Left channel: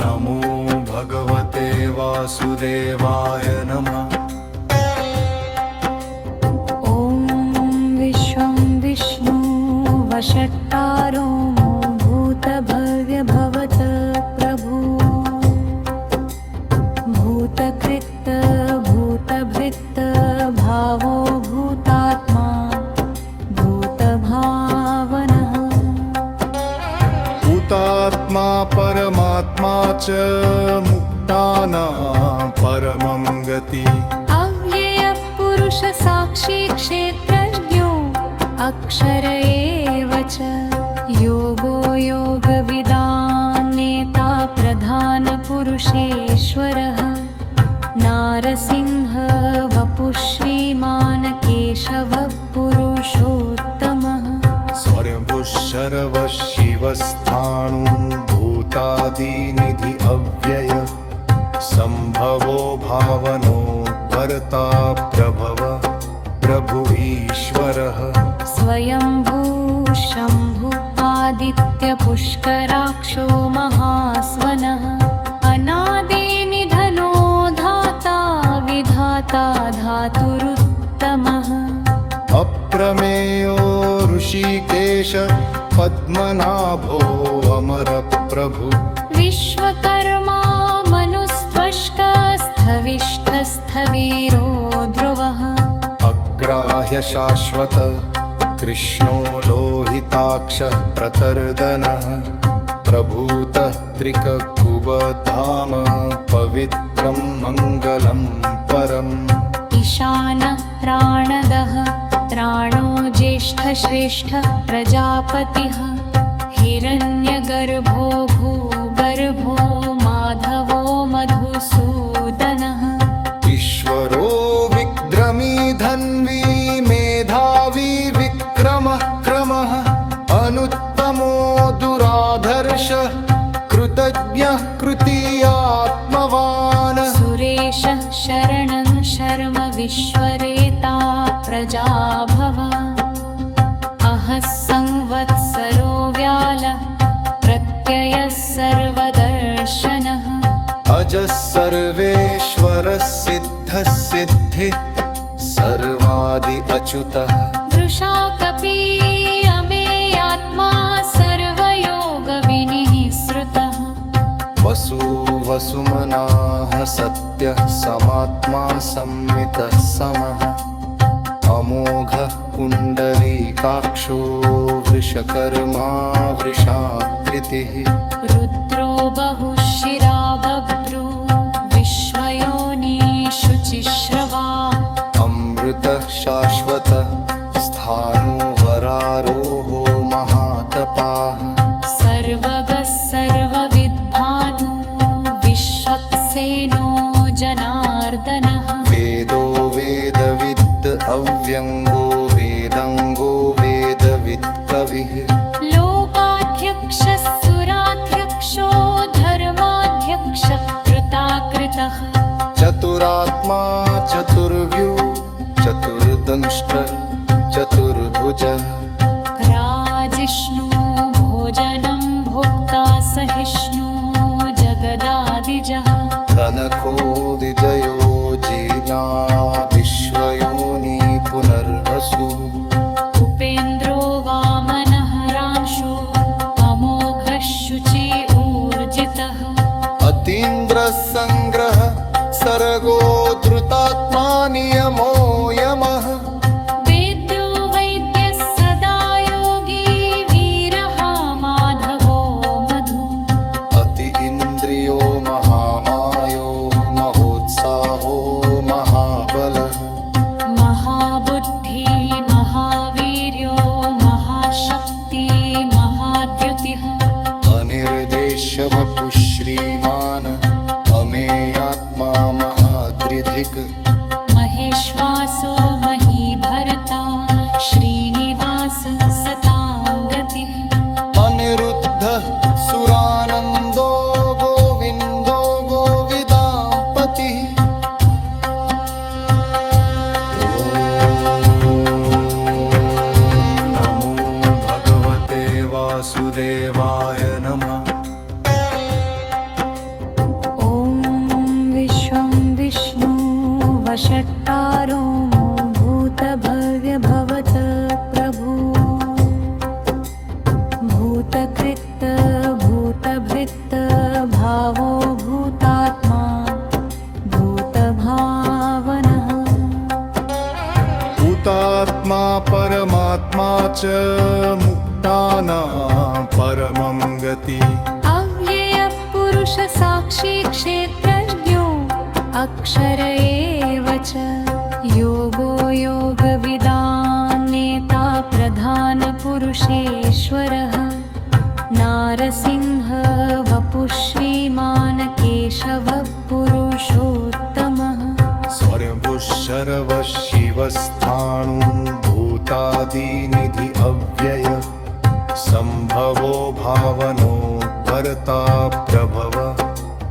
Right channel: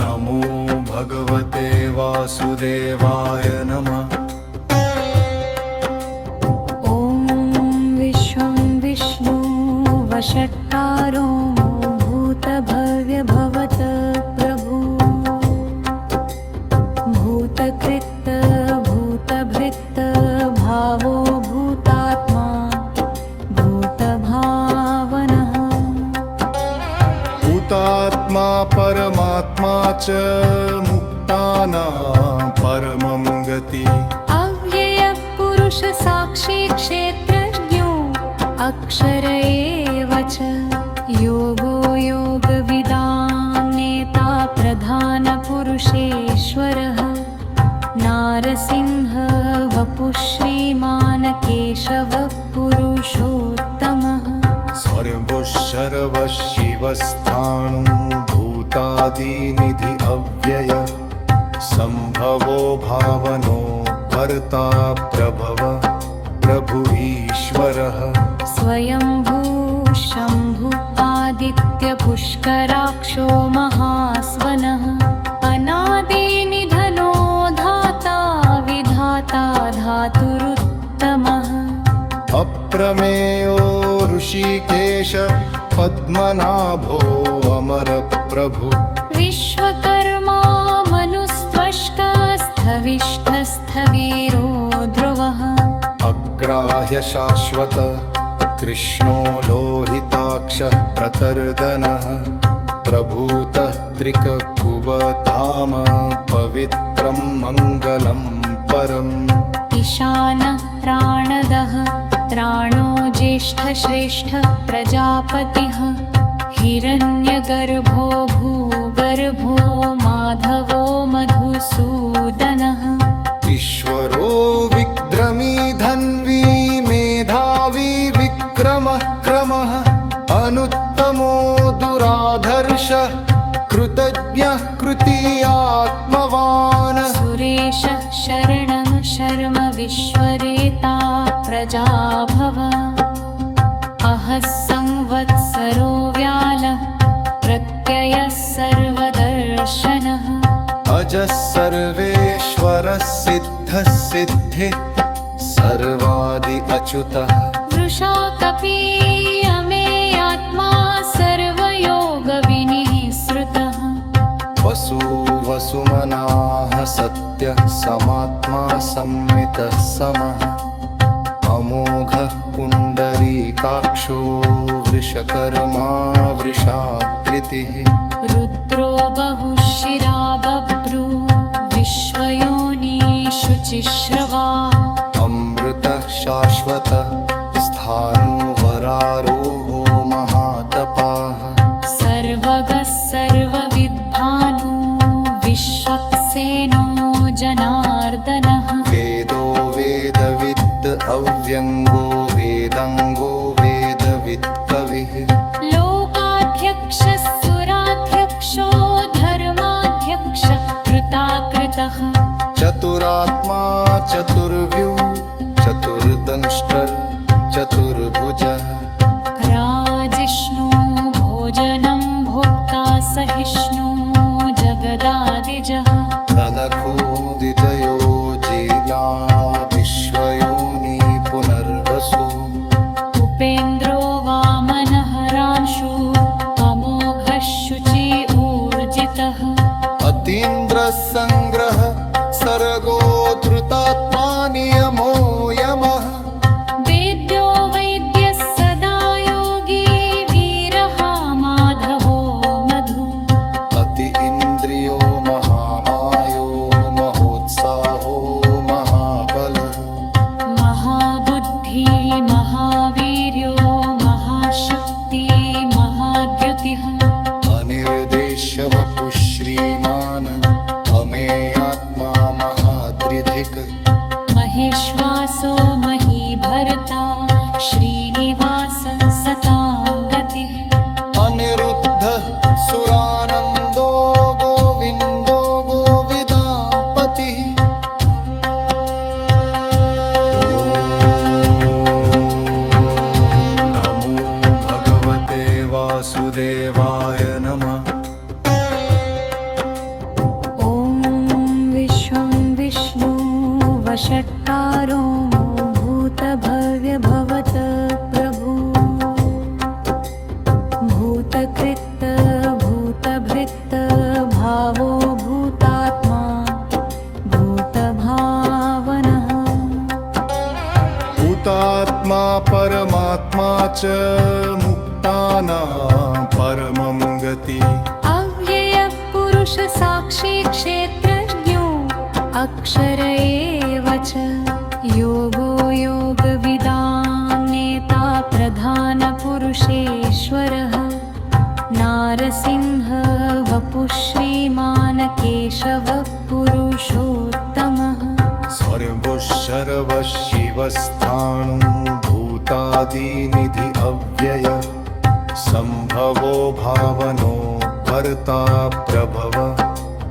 नमो भगवते वासुदेवाय नमः। विश्वं विष्णु वषट्कारो भूतभव्य भवत प्रभु भूतकृत भूतभृत भावो भूतात्मा भूतभावनः भूतात्मा परमात्मा च मुक्तानां परमं गति। अव्ययः पुरुष साक्षी क्षेत्रज्ञो अक्षर एव च योगो योगविदां नेता प्रधान पुरुषेश्वरः नारसिंह वपुः श्रीमान् केशवः पुरुषोत्तमः स्वयंभुः शर्वः शिवस्थाणु भूतादिनिधि अव्यय संभवो भावनो भर्ता प्रभव प्रभु ईश्वरः स्वयंभू शंभु आदित्य पुष्कराक्षो महास्वनः अनादिनिधनो धाता विधाता धातुरुत्तमः अप्रमेयो ऋषिकेश पद्मनाभो अमर प्रभु विश्वकर्मा मनुस्त्वष्कस्थविष्ठस्थवीरो ध्रुवः अग्राह्य शाश्वत कृष्णो लोहिताक्षः प्रतर्दनः प्रभूतः त्रिककुबधाम पवित्रं मङ्गलं परम् ईशानः प्राणदः त्राणो ज्येष्ठश्रेष्ठ प्रजापतिः हिरण्यगर्भो भूगर्भो माधवो मधुसूदनः ईश्वरो विक्रमी धन्वी मेधावी विक्रमः क्रमः अनुत्तमो दुराधर्षः कृतज्ञः कृतीयात्मवान् सुरेशः शरणं शर्म विश्वरेता प्रजाभव अहः संवत्सरो व्यालः प्रत्ययः सर्वदर्शनः अजः सर्वेश्वरः सिद्धः सिद्धिः सर्वादि अच्युतः वृषा कपीयमेयात्मा सर्वयोगविनिःसृतः वसु वसुमनाः सत्यः समात्मा संमितः समः अमोघः पुण्डरीकाक्षो वृषकर्मा वृषाकृतिः रुद्रो बहुशिरा बभ्रू विश्वयोनिषु चिश्रवा अमृतः शाश्वतः स्थाणुवरारोहो महातपाः सर्वगः सर्वविद्भानु विश्वक्सेनो जनार्दनः वेदो वेदविद् अव्यङ्गो वेदाङ्गो वेदवित् कविः लोकाध्यक्षः सुराध्यक्षो धर्माध्यक्षः कृताकृतः चतुरात्मा चतुर्व्यूः चतुर्दंष्ट्रः चतुर्भुजः राजिष्णु भोजनं भोक्ता सहिष्णु जगदादिजः तनखो विजयो जीर्णा विश्वयोनि पुनर्वसु उपेन्द्रो वामनः रांशु अमोघः शुचि ऊर्जितः अतीन्द्रः सङ्ग्रह सर्गो धृतात्मा नियमो यमः वेद्यो वैद्यः सदा योगी वीरः माधवो मधु अति इन्द्रियो महामायो महोत्साहो महाबलः महाबुद्धि महावीर्यो महाशक्ति महाद्युतिः अनिर्देश्य वपुः श्रीमान् अमेयात्मा महादृधिक् महेश्वासो महीभर्ता श्रीनिवास सतां गतिः अनिरुद्धः सुरानन्दो गोविन्दो गोविदां पतिः नमो भगवते वासुदेवाय वासुदेवाय नमः। ॐ विश्वं विष्णु वषट्कारो भूतभव्य भवत प्रभु भूतकृत भूतभृत भावो भूतात्मा भूतभावनः भूतात्मा परमात्मा च मुक्तानां परमं गति। अव्ययः पुरुष साक्षी क्षेत्रज्ञो अक्षर एव च योगो योगविदां नेता प्रधान पुरुषेश्वरः नारसिंह वपुः श्रीमान् केशवः पुरुषोत्तमः सर्वः सर्वः शिवस्थाणु भूतादिनिधि अव्यय संभवो भावनो भर्ता प्रभव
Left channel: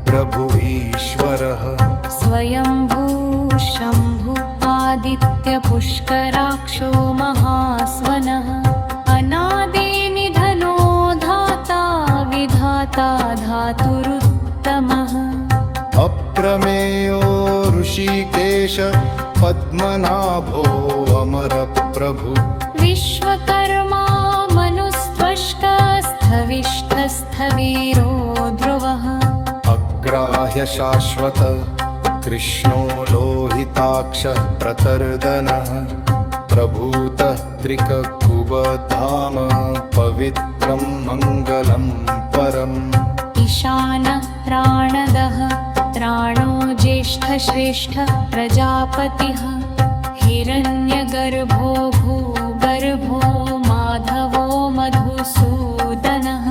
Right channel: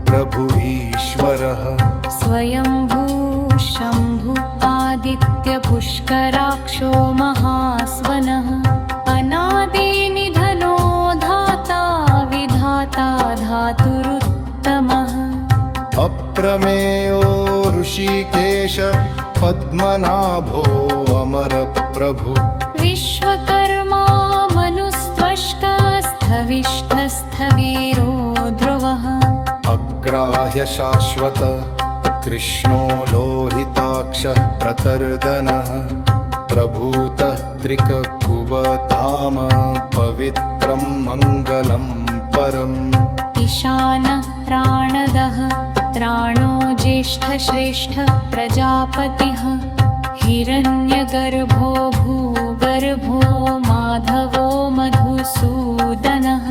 प्रभु ईश्वरः स्वयंभू शम्भु आदित्य पुष्कराक्षो महास्वनः अनादिनिधनो धाता विधाता धातुरुत्तमः अप्रमेयो ऋषिकेश पद्मनाभो अमर प्रभु विश्वकर्मा मनुस्त्वष्टस्थविष्ठस्थवीरो ध्रुवः अग्राह्य शाश्वत कृष्णो लोहिताक्ष प्रतर्दनः प्रभूतः त्रिककुबधाम पवित्रं मङ्गलं परम् ईशानः प्राणदः प्राणो ज्येष्ठश्रेष्ठ प्रजापतिः हिरण्यगर्भो भूगर्भो माधवो मधुसूदनः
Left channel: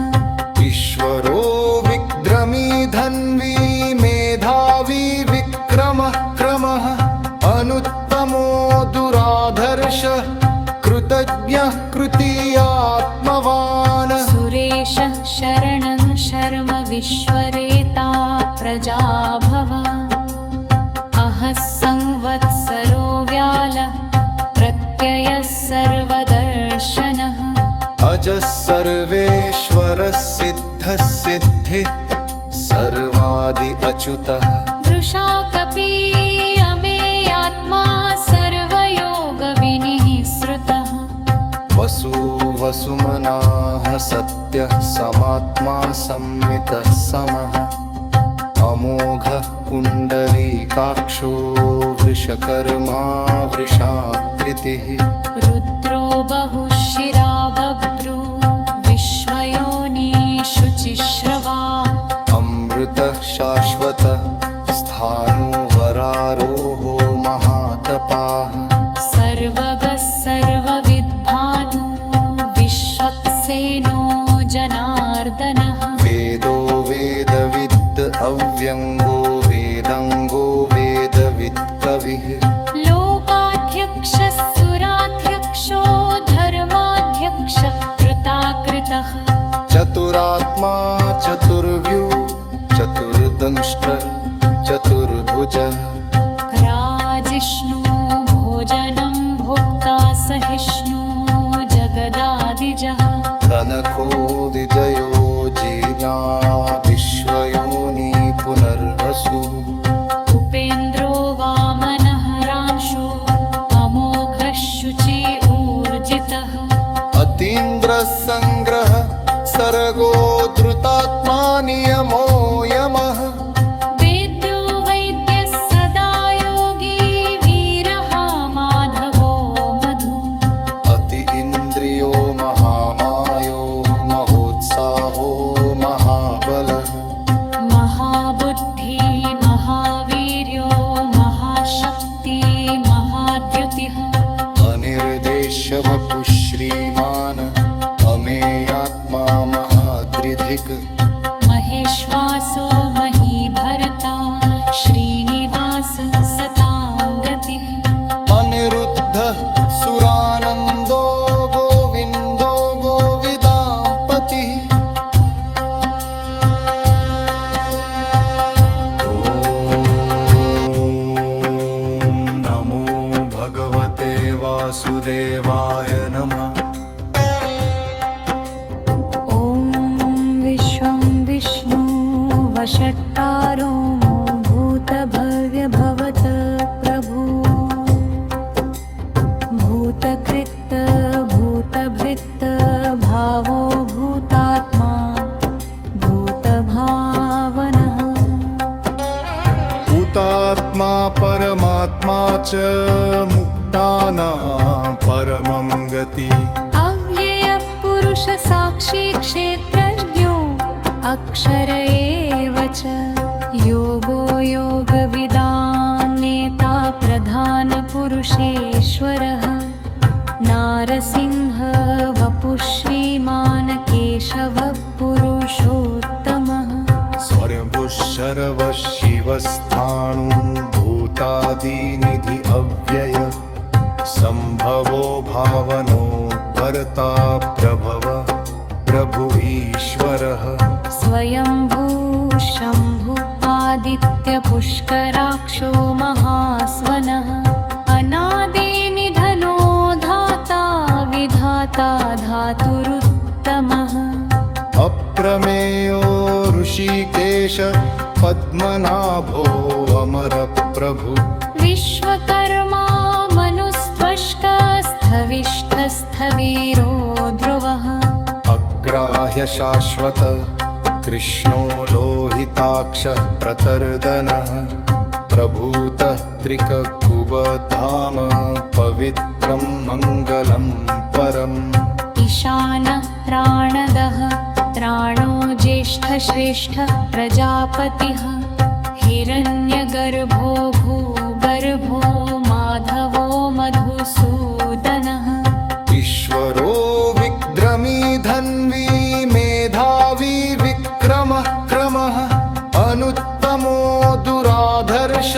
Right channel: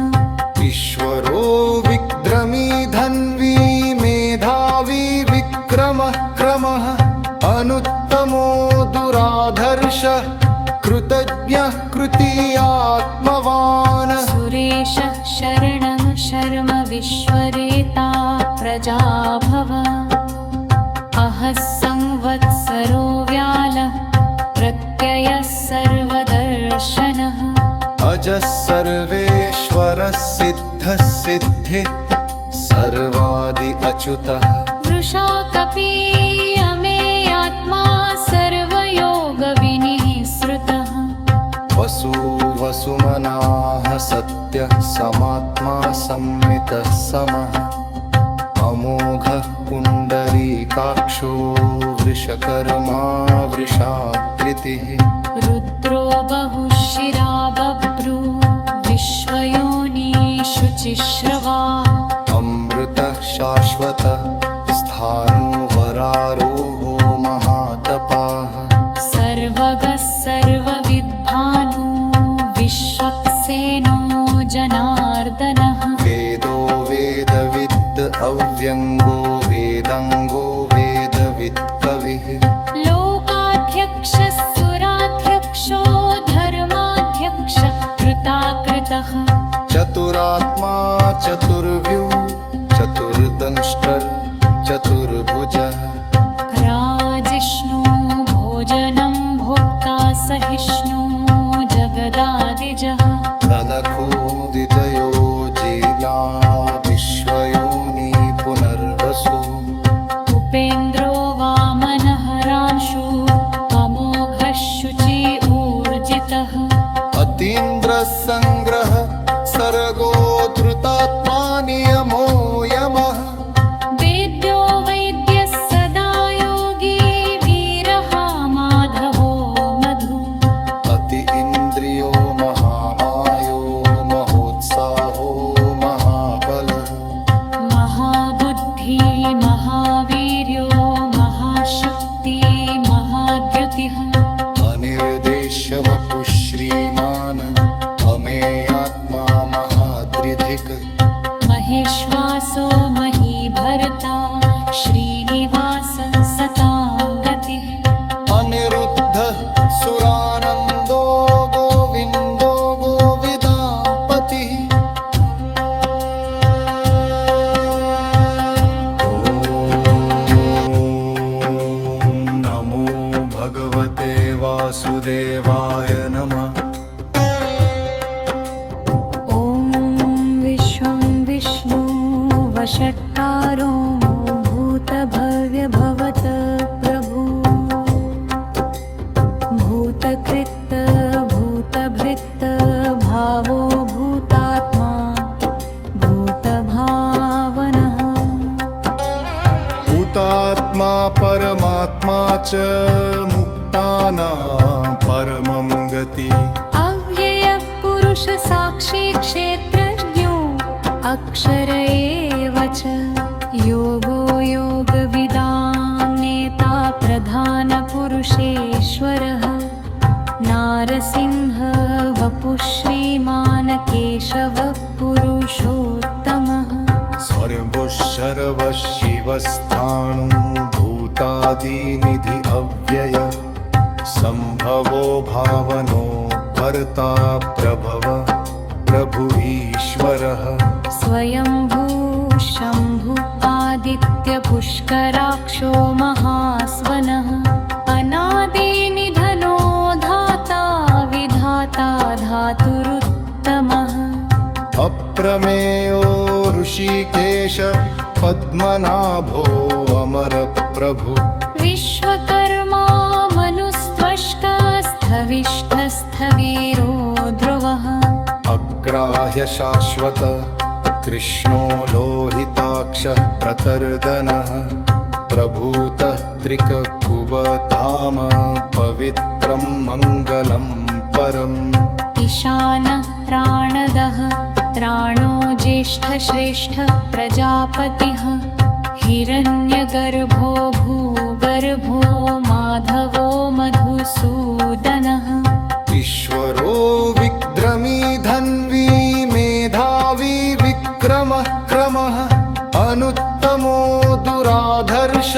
ईश्वरो विक्रमी धन्वी मेधावी विक्रमः क्रमः अनुत्तमो दुराधर्ष कृतज्ञः कृतीयात्मवान् सुरेशः शरणं शर्म विश्वरेता प्रजाभव अहः संवत्सरो व्यालः प्रत्ययः सर्वदर्शनः अजः सर्वेश्वरः सिद्धः सिद्धिः सर्वादि अच्युतः वृषा कपी अमेयात्मा सर्वयोगविनिः श्रुतः वसु वसुमनाः सत्यः समात्मा संमितः समः अमोघः पुण्डरीकाक्षो वृषकर्मा वृषाकृतिः रुद्रो बहुशिरा बभ्रू विश्वयोनिषु चिश्रवा अमृतः शाश्वतः स्थाणुवरारोहो महातपाः सर्वगः सर्वविद्भानु विश्वक्सेनो जनार्दनः वेदो वेदविद् अव्यङ्गो वेदाङ्गो वेदवित् कविः लोकाध्यक्षः सुराध्यक्षो धर्माध्यक्षः कृताकृतः चतुरात्मा चतुर्व्यू चतुर्दंष्ट्रः चतुर्भुजः राजिष्णु भोजनं भोक्ता सहिष्णु जगदादिजः कनको विजयो जीर्या विश्वयोनि पुनर्वसु उपेन्द्रो वामनः रांशु अमोघः शुचि ऊर्जितः अतीन्द्रः सङ्ग्रह सर्गो धृतात्मा नियमो यमः वेद्यो वैद्यः सदा योगी वीरः माधवो मधु अति इन्द्रियो महामायो महोत्साहो महाबलः महाबुद्धि महावीर्यो महाशक्ति महाद्युतिः अनिर्देश्य वपुः श्रीमान् अमेयात्मा महादृधिक् महेश्वासो महीभर्ता श्रीनिवास सतां गतिः अनिरुद्धः सुरानन्दो गोविन्दो गोविदापतिः नमो भगवते वासुदेवाय नमः। ॐ वषट्कारो भूतभव्य भवत प्रभु भूतकृत भूतभृत भावो भूतात्मा भूतभावनः भूतात्मा परमात्मा च मुक्तानां परमं गति अव्ययः पुरुष साक्षी क्षेत्रज्ञो अक्षर एव च योगो योगविदां नेता प्रधानपुरुषेश्वरः नारसिंह वपुः श्रीमान् केशवः पुरुषोत्तमः स्वयंभुः शर्वः शिवस्थाणु भूतादिनिधि अव्यय संभवो भावनो भर्ता प्रभव प्रभु ईश्वरः स्वयंभू शम्भु आदित्य पुष्कराक्षो महास्वनः अनादिनिधनो धाता विधाता धातुरुत्तमः अप्रमेयो ऋषिकेश पद्मनाभो अमर प्रभु विश्वकर्मा मनुस्त्वष्टस्थविष्ठस्थवीरो ध्रुवः अग्राह्य शाश्वत कृष्णो लोहिताक्ष प्रतर्दनः प्रभूतः त्रिककुबधाम पवित्रं मङ्गलं परम् ईशानः प्राणदः त्राणो ज्येष्ठश्रेष्ठ प्रजापतिः हिरण्यगर्भो भूगर्भो माधवो मधुसूदनः ईश्वरो विक्रमी धन्वी मेधावी विक्रमः क्रमः अनुत्तमो दुराधर्ष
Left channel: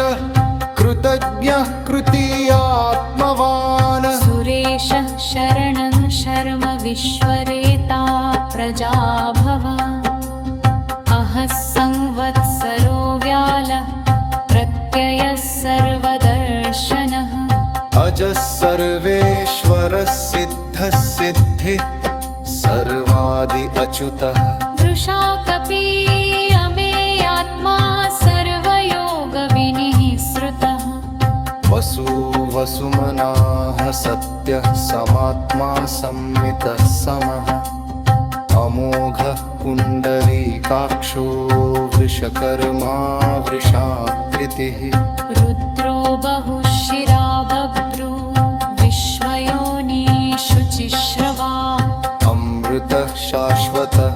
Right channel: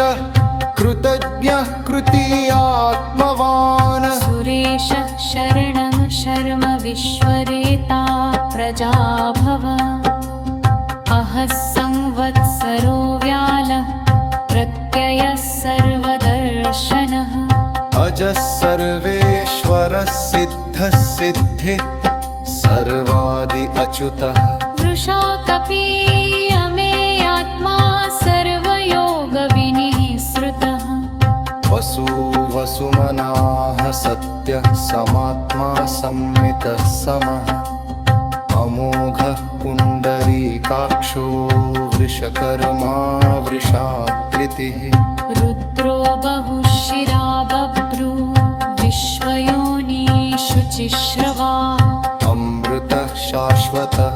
कृतज्ञः कृतीयात्मवान् सुरेशः शरणं शर्म विश्वरेता प्रजाभव अहः संवत्सरो व्यालः प्रत्ययः सर्वदर्शनः अजः सर्वेश्वरः सिद्धः सिद्धिः सर्वादि अच्युतः वृषा कपी अमेयात्मा सर्वयोगविनिःसृतः वसु वसुमनाः सत्यः समात्मा संमितः समः अमोघः पुण्डरीकाक्षो वृषकर्मा वृषाकृतिः रुद्रो बहुशिरा बभ्रू विश्वयोनिषु चिश्रवा अमृतः शाश्वतः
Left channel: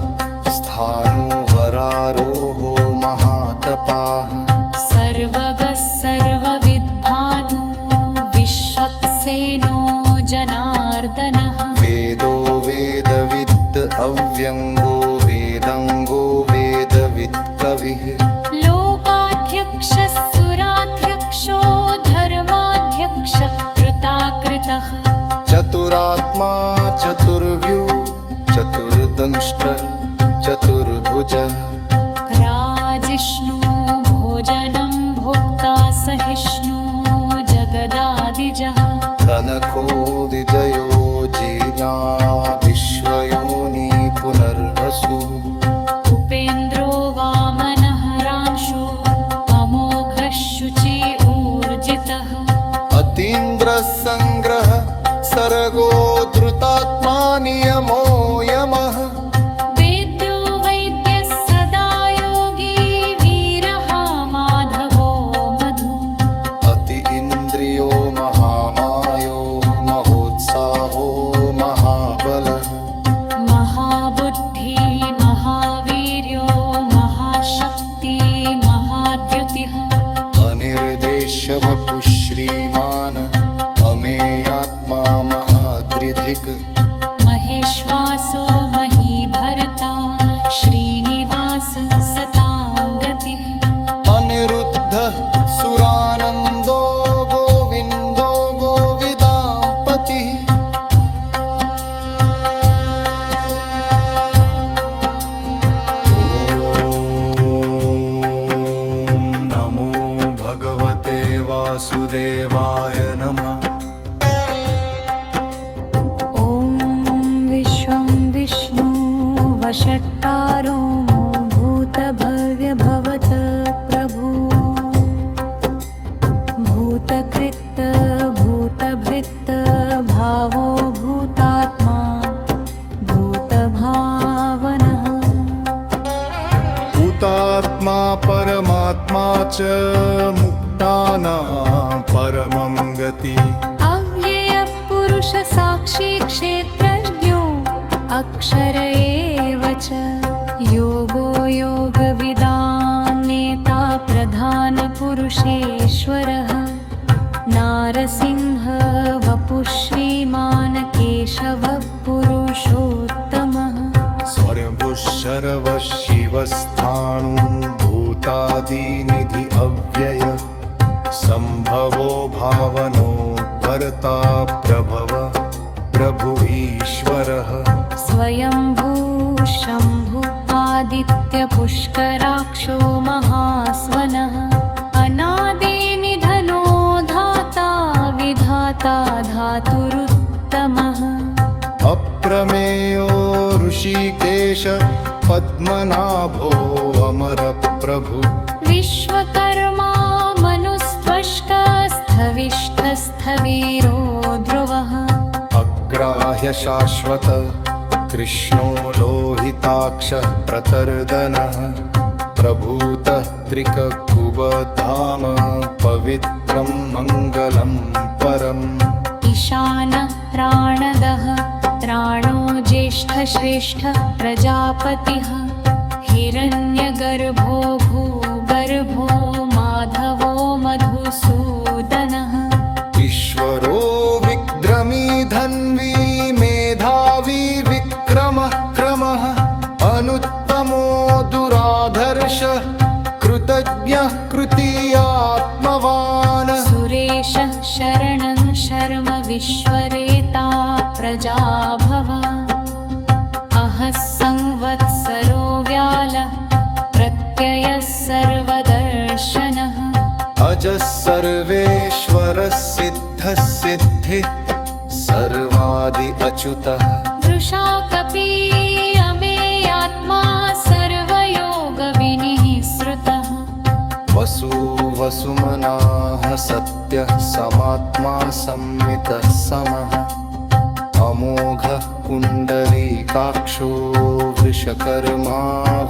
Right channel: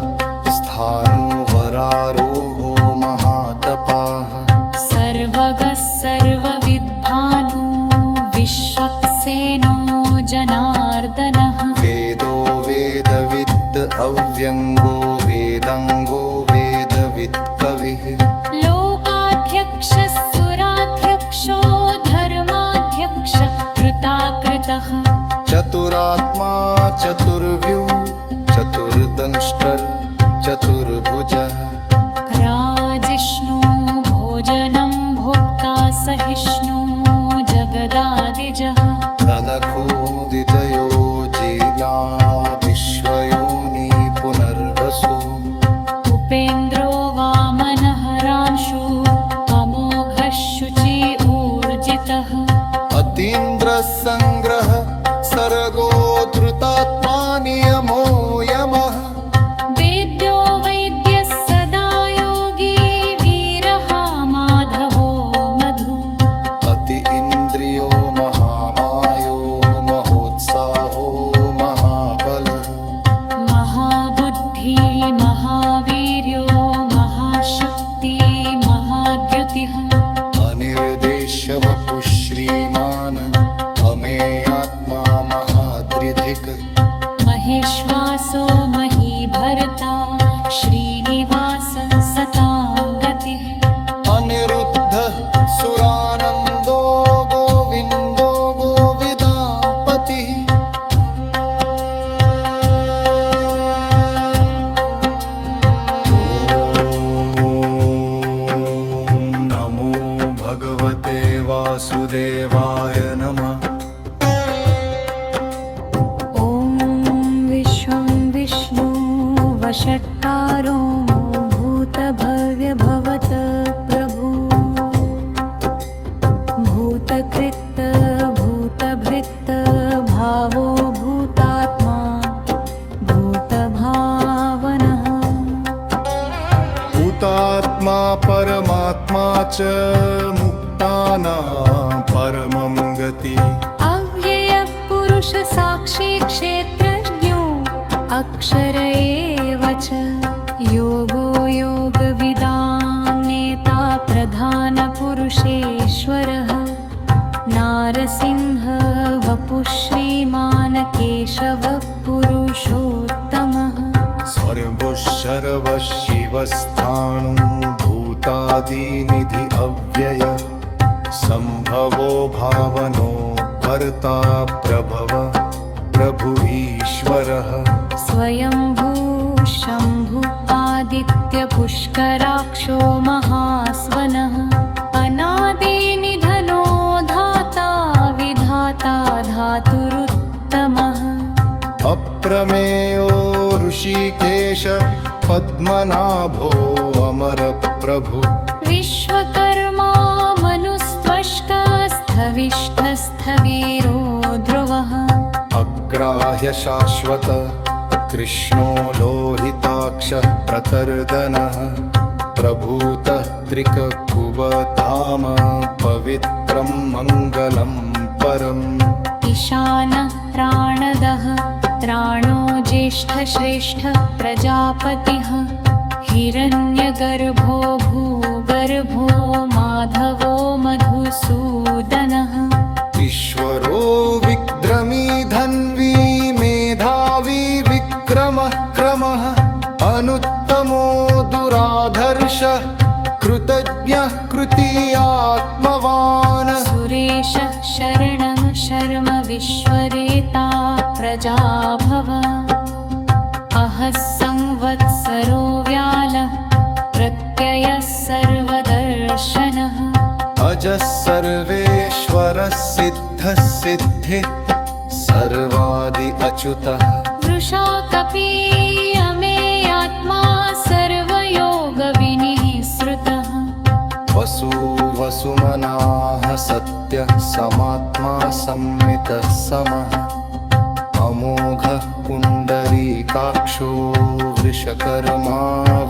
स्थाणुवरारोहो महातपाः सर्वगः सर्वविद्भानु विश्वक्सेनो जनार्दनः वेदो वेदविद् अव्यङ्गो वेदङ्गो वेदवित् कविः लोकाध्यक्षः सुराध्यक्षो धर्माध्यक्षः कृताकृतः चतुरात्मा चतुर्व्यू चतुर्दंष्ट्रः चतुर्भुजः राजिष्णु भोजनं भोक्ता सहिष्णु जगदादिजः तनखो विजयो जीर्णा विश्वयोनि पुनर्वसु उपेन्द्रो वामनः रांशु अमोघः शुचि ऊर्जितः अतीन्द्रः सङ्ग्रह सर्गो धृतात्मा नियमो यमः वेद्यो वैद्यः सदा योगी वीरः माधवो मधु अति इन्द्रियो महामायो महोत्साहो महाबलः महाबुद्धि महावीर्यो महाशक्ति महाद्युतिः अनिर्देश्य वपुः श्रीमान् अमेयात्मा महादृधिक् महेश्वासो महीभर्ता श्रीनिवास सतां गतिः अनिरुद्धः सुरानन्दो गोविन्दो गोविदापतिः नमो भगवते वासुदेवाय नमः ॐ विश्वं विष्णु वषट्कारो भूत भूतभव्य भवत प्रभु भूतकृत भूतभृत भावो भूतात्मा भूतभावनः भूतात्मा परमात्मा च मुक्तानां परमं गति अव्ययः पुरुष साक्षी क्षेत्रज्ञो अक्षर एव च योगो योगविदां नेता प्रधानपुरुषेश्वरः नारसिंह वपुः श्रीमान् केशवः पुरुषोत्तमः स्वयंभुः शर्वः शिवस्थाणुभूतादिनिधि अव्यय संभवो भावनो भर्ता प्रभव प्रभु ईश्वरः स्वयंभू शम्भु आदित्यपुष्कराक्षो महास्वनः अनादिनिधनो धाता विधाता धातुरुत्तमः अप्रमेयो ऋषिकेश पद्मनाभो अमरप्रभु विश्वकर्मा मनुस्त्वष्टस्थविष्ठस्थवीरो ध्रुवः अग्राह्य शाश्वत कृष्णो लोहिताक्षः प्रतर्दनः प्रभूतः त्रिककुबधाम पवित्रं मङ्गलं परम् ईशानः प्राणदः त्राणो ज्येष्ठश्रेष्ठ प्रजापतिः हिरण्यगर्भो भूगर्भो माधवो मधुसूदनः ईश्वरो विक्रमी धन्वी मेधावी विक्रमः क्रमः अनुत्तमो दुराधर्षः कृतज्ञः कृतीयात्मवान् सुरेशः शरणं शर्म विश्वरेता प्रजाभव अहः संवत्सरो व्यालः प्रत्ययः सर्वदर्शनः अजः सर्वेश्वरः सिद्धः सिद्धिः सर्वादि अच्युतः वृषा कपी अमेयात्मा सर्वयोगविनिःसृतः वसु वसुमनाः सत्यः समात्मा संमितः समः अमोघः पुण्डरीकाक्षो वृषकर्मा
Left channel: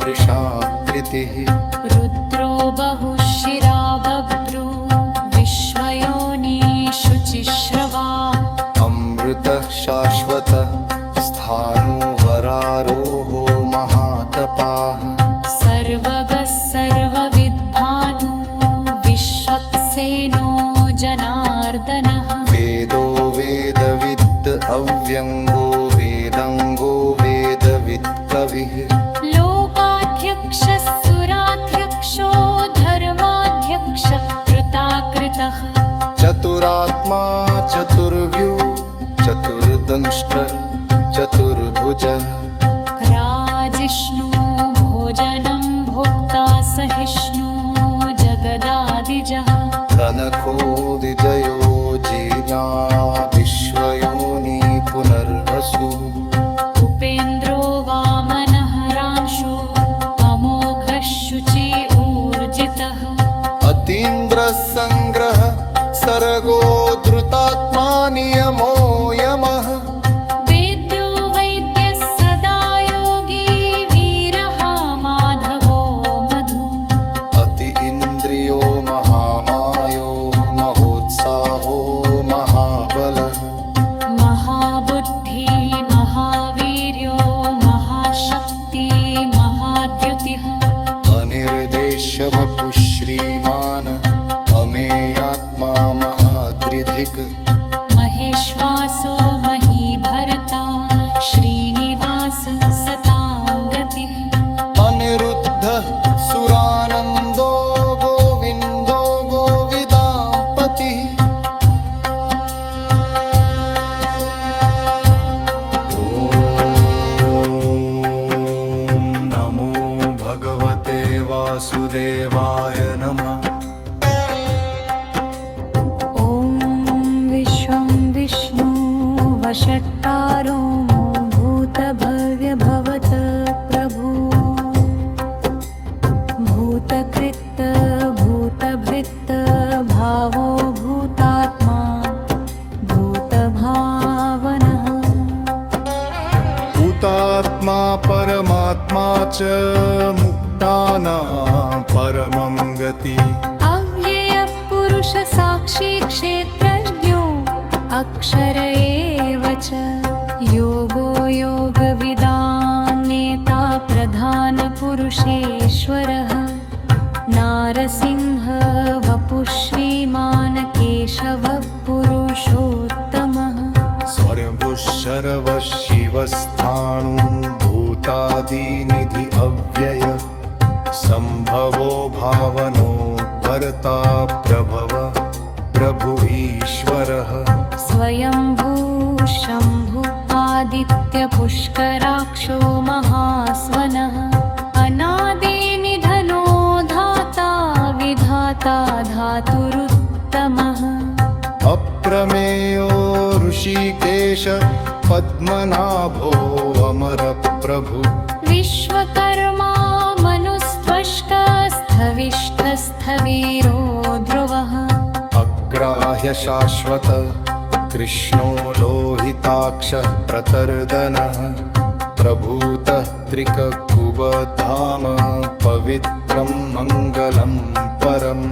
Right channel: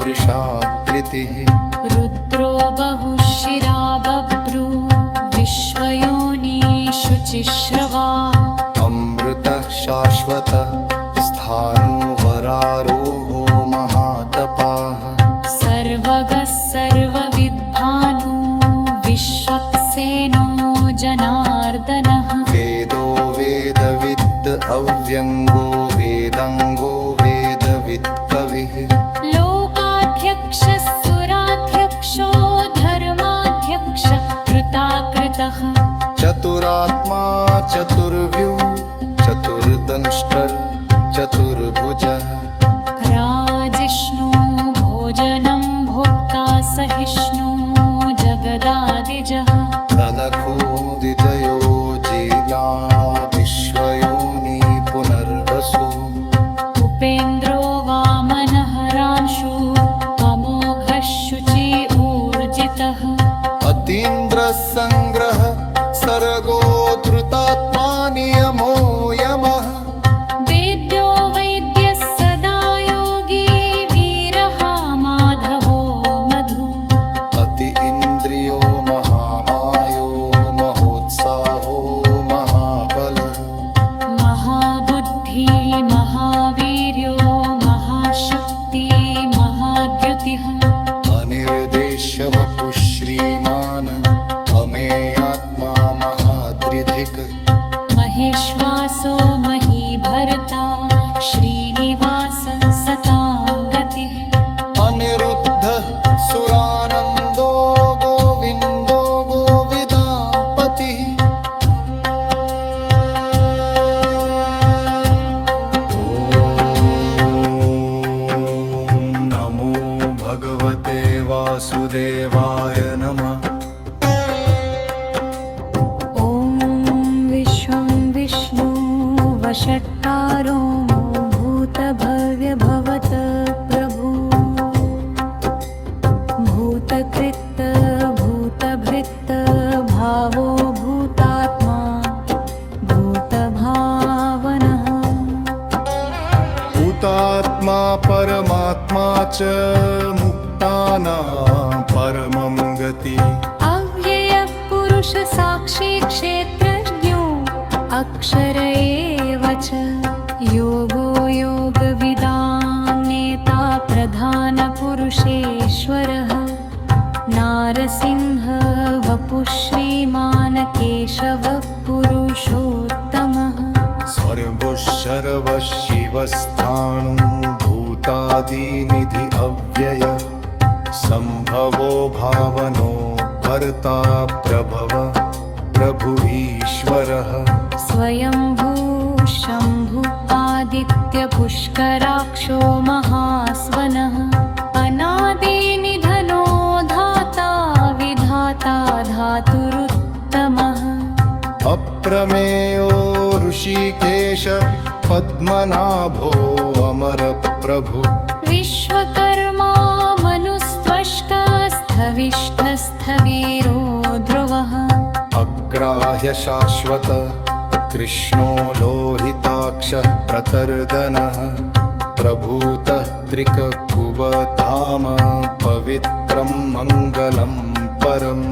वृषाकृतिः रुद्रो बहुशिरा बभ्रू विश्वयोनिषु चिश्रवा अमृतः शाश्वतः स्थाणुवरारोहो महातपाः सर्वगः सर्वविद्भानु विश्वक्सेनो जनार्दनः वेदो वेदविद् अव्यङ्गो वेदङ्गो वेदवित् कविः लोकाध्यक्षः सुराध्यक्षो धर्माध्यक्षः कृताकृतः चतुरात्मा चतुर्व्यू चतुर्दंष्ट्रः चतुर्भुजः राजिष्णु भोजनं भोक्ता सहिष्णु जगदादिजः तनखो विजयो जीर्या विश्वयोनि पुनर्वसु उपेन्द्रो वामनः रांशु अमोघः शुचि ऊर्जितः अतीन्द्रः सङ्ग्रह सर्गो धृतात्मा नियमो यमः वेद्यो वैद्यः सदा योगी वीरः माधवो मधु अति इन्द्रियो महामायो महोत्साहो महाबलः महाबुद्धि महावीर्यो महाशक्ति महाद्युतिः अनिर्देश्य वपुः श्रीमान् अमेयात्मा महादृधिक् महेश्वासो महीभर्ता श्रीनिवास सतां गतिः अनिरुद्धः सुरानन्दो गोविन्दो गोविदापतिः ॐ नमो भगवते वासुदेवाय नमः वषट्कारो भूतभव्य भवत प्रभु परमात्मा च मुक्तानां परमं गति अव्ययः पुरुष साक्षी क्षेत्रज्ञो अक्षर एव च योगो योगविदां नेता प्रधानपुरुषेश्वरः नारसिंह वपुः श्रीमान् केशवः पुरुषोत्तमः स्वयंभुः शर्वः शिवस्थाणुभूतादिनिधि अव्यय संभवो भावनो भर्ता प्रभव प्रभु ईश्वरः स्वयंभू शम्भु आदित्यपुष्कराक्षो महास्वनः अनादिनिधनो धाता विधाता धातुरुत्तमः अप्रमेयो ऋषिकेश पद्मनाभो अमरप्रभु विश्वकर्मा मनुस्त्वष्टस्थविष्ठस्थवीरो ध्रुवः अग्राह्य शाश्वत कृष्णो लोहिताक्षः प्रतर्दनः प्रभूतः त्रिककुबधाम पवित्रं मङ्गलं परम्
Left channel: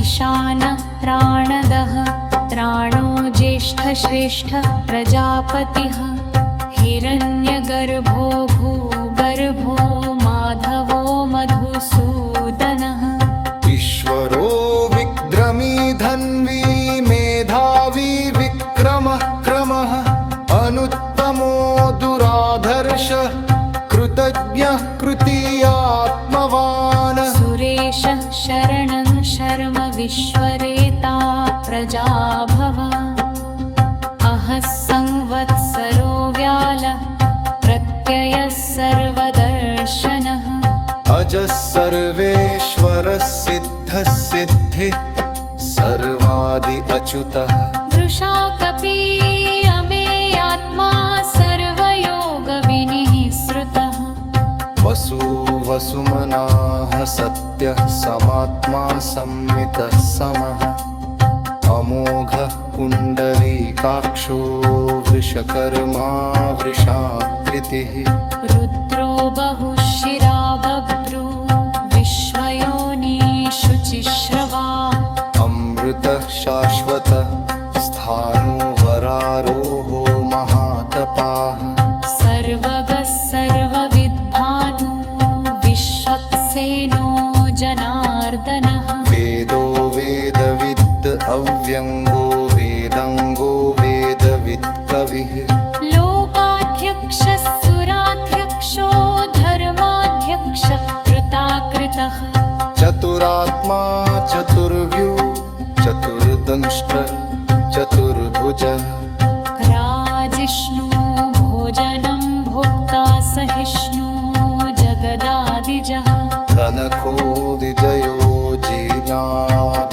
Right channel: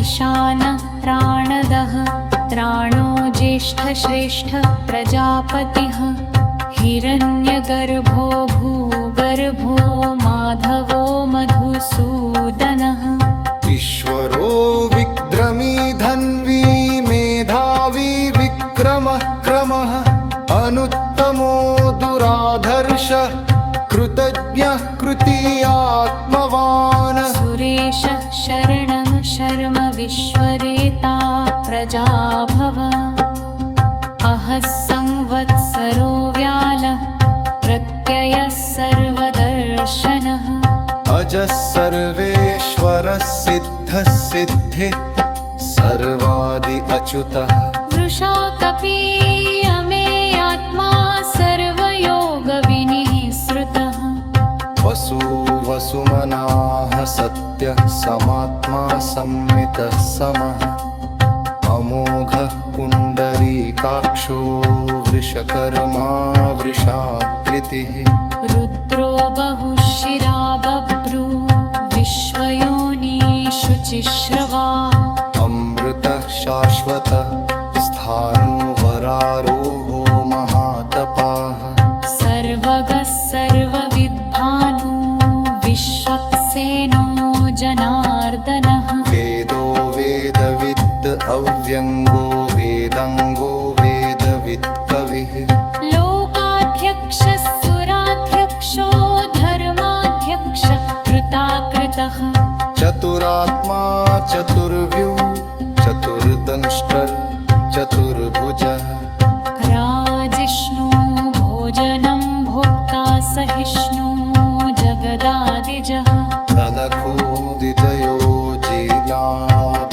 ईशानः प्राणदः त्राणो ज्येष्ठश्रेष्ठ प्रजापतिः हिरण्यगर्भो भूगर्भो माधवो मधुसूदनः ईश्वरो विक्रमी धन्वी मेधावी विक्रमः क्रमः अनुत्तमो दुराधर्षः कृतज्ञः कृतीयात्मवान् सुरेशः शरणं शर्म विश्वरेता प्रजाभव अहः संवत्सरो व्यालः प्रत्ययः सर्वदर्शनः अजः सर्वेश्वरः सिद्धः सिद्धिः सर्वादि अच्युतः वृषाकपि अमेयात्मा सर्वयोगविनिःसृतः वसु वसुमनाः सत्यः समात्मा संमितः समः अमोघः पुण्डरीकाक्षो वृषकर्मा वृषाकृतिः रुद्रो बहुशिरा बभ्रू विश्वयोनिषुचिश्रवा अमृतः शाश्वतः स्थाणुवरारोहो महातपाः सर्वगः सर्वविद्भानु विश्वक्सेनो जनार्दनः वेदो वेदविद् अव्यङ्गो वेदाङ्गो वेदविद् कविः लोकाध्यक्षः सुराध्यक्षो धर्माध्यक्षः कृताकृतः चतुरात्मा चतुर्व्यू चतुर्दंष्ट्रः चतुर्भुजः राजिष्णु भोजनं भोक्ता सहिष्णु जगदादिजः तनखो विजयो जीर्णा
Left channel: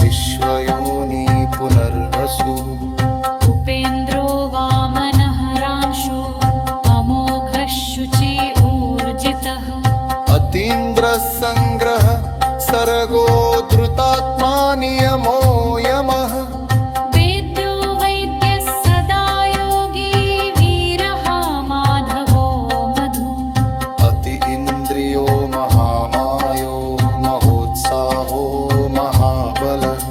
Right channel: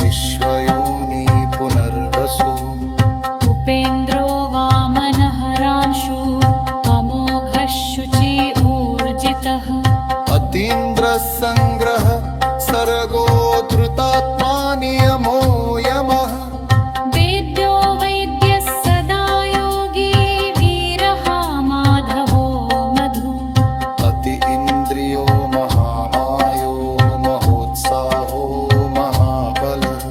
विश्वयोनि पुनर्वसु उपेन्द्रो वामनः रांशु अमोघः शुचि ऊर्जितः अतीन्द्रः सङ्ग्रह सर्गो धृतात्मा नियमो यमः वेद्यो वैद्यः सदा योगी वीरः माधवो मधु अति इन्द्रियो महामायो महोत्साहो महाबलः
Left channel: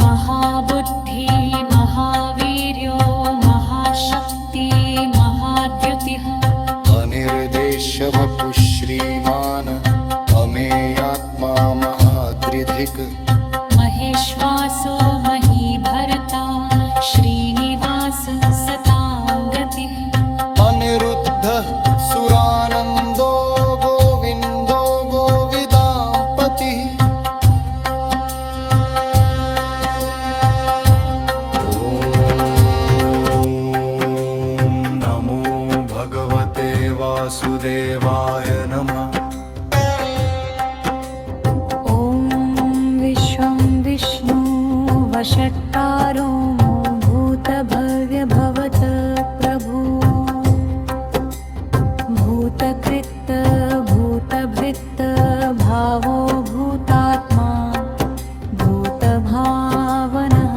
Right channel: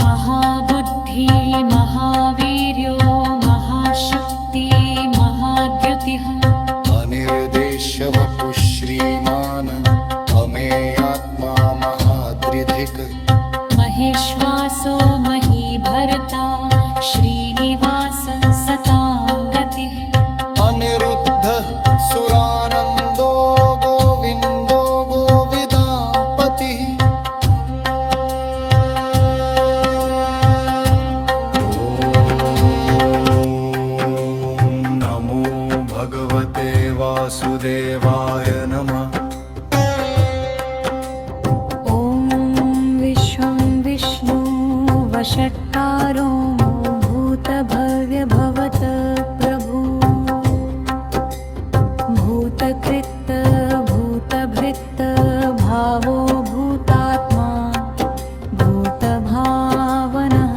महाबुद्धि महावीर्यो महाशक्ति महाद्युतिः अनिर्देश्य वपुः श्रीमान् अमेयात्मा महाद्रिधिक् महेश्वासो महीभर्ता श्रीनिवास सतां गतिः अनिरुद्धः सुरानन्दो गोविन्दो गोविदापतिः ॐ नमो भगवते वासुदेवाय नमः वषट्कारो भूतभव्य भवत प्रभु भूतकृत भूतभृत भावो भूतात्मा भूतभावनः